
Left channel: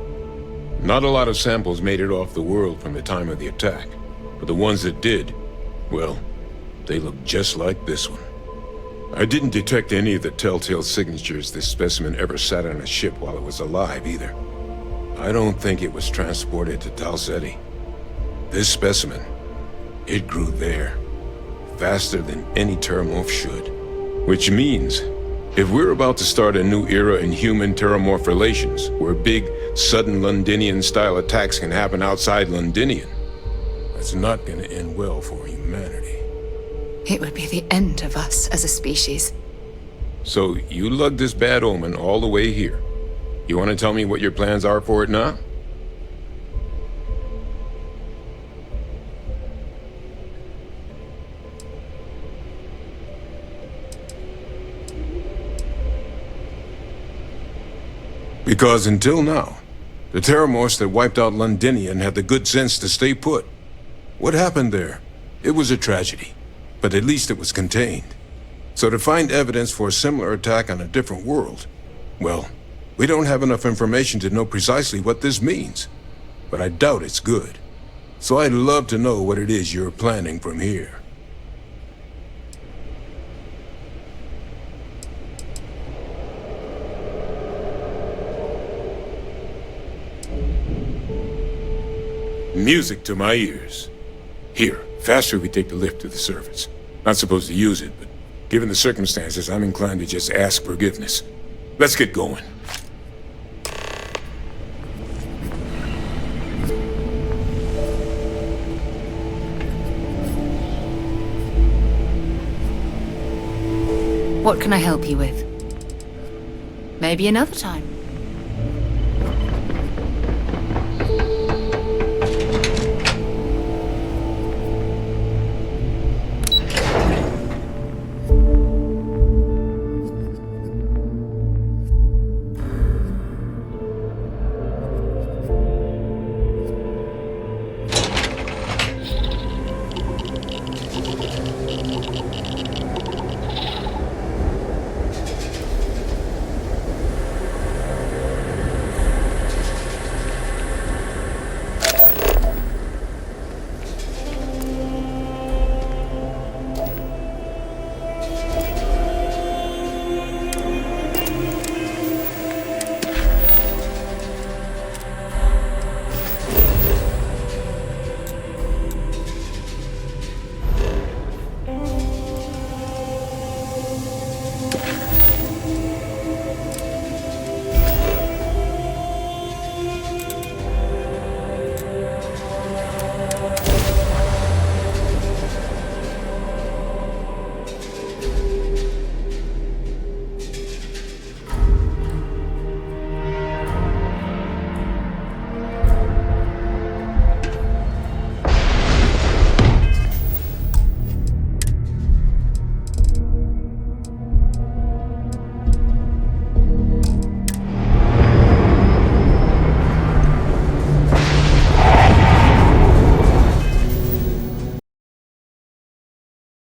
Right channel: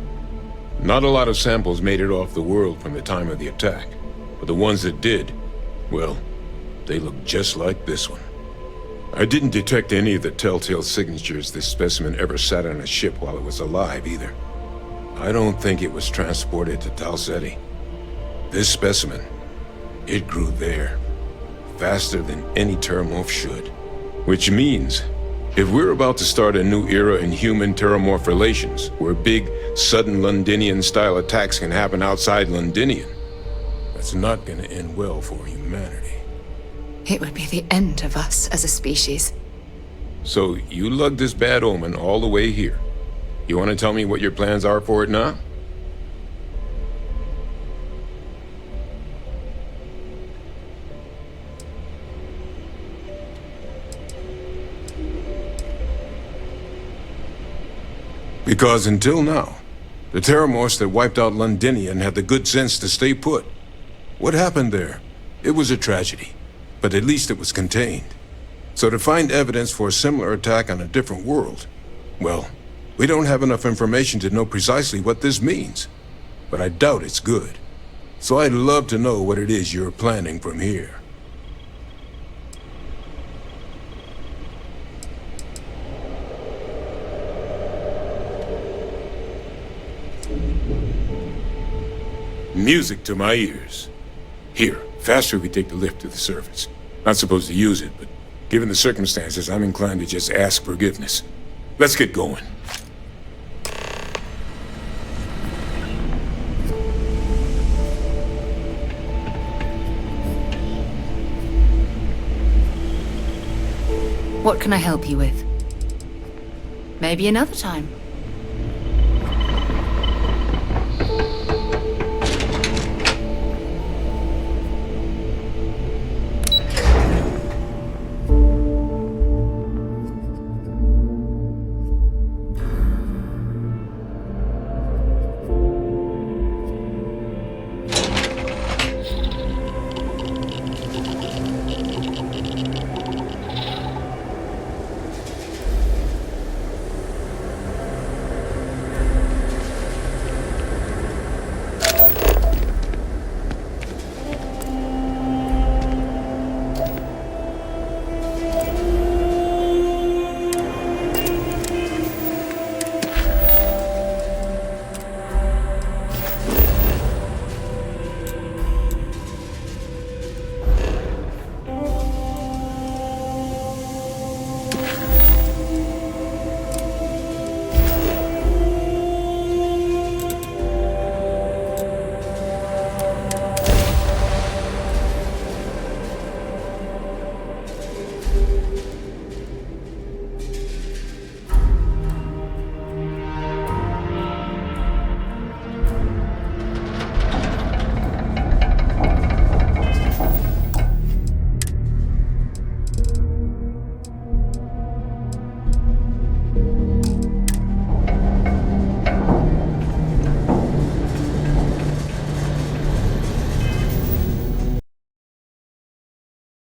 Not a lot of samples made it off the world from the time of the attack, but the ones that did, well, they look just like this one. I didn't detect any of the telltale signatures this specimen ever sat on a ship while it was alive, either. I don't think it was transported to Tal Ceti. This specimen, it grew there. Faster than any terramorph should. Which means, if we're about to start a new era in human-terramorph relations, where big, sudden Londinian-style attacks can happen outside Londinian, that's not gonna end well for humanity. It would be the end of us as a species. So, you lugged this bad omen all the way here. You want to tell me what your plans are for it now? Because until now, the terramorphs that wiped out Londinian had the good sense to stay put. What happened there? It was a tragedy, but at least it was contained. So to find evidence for a similar attack on a different world, well, we don't have enough information to know precisely what this means. But I doubt it's good. So I'd love to know what it is you're planning from here. Music to my ears. Here, faster we take the lift to the surface. Not supposed to use it, but given the circumstances, I'm inclined to just ask forgiveness. Let's get going. What can I help you with? Maybe another time.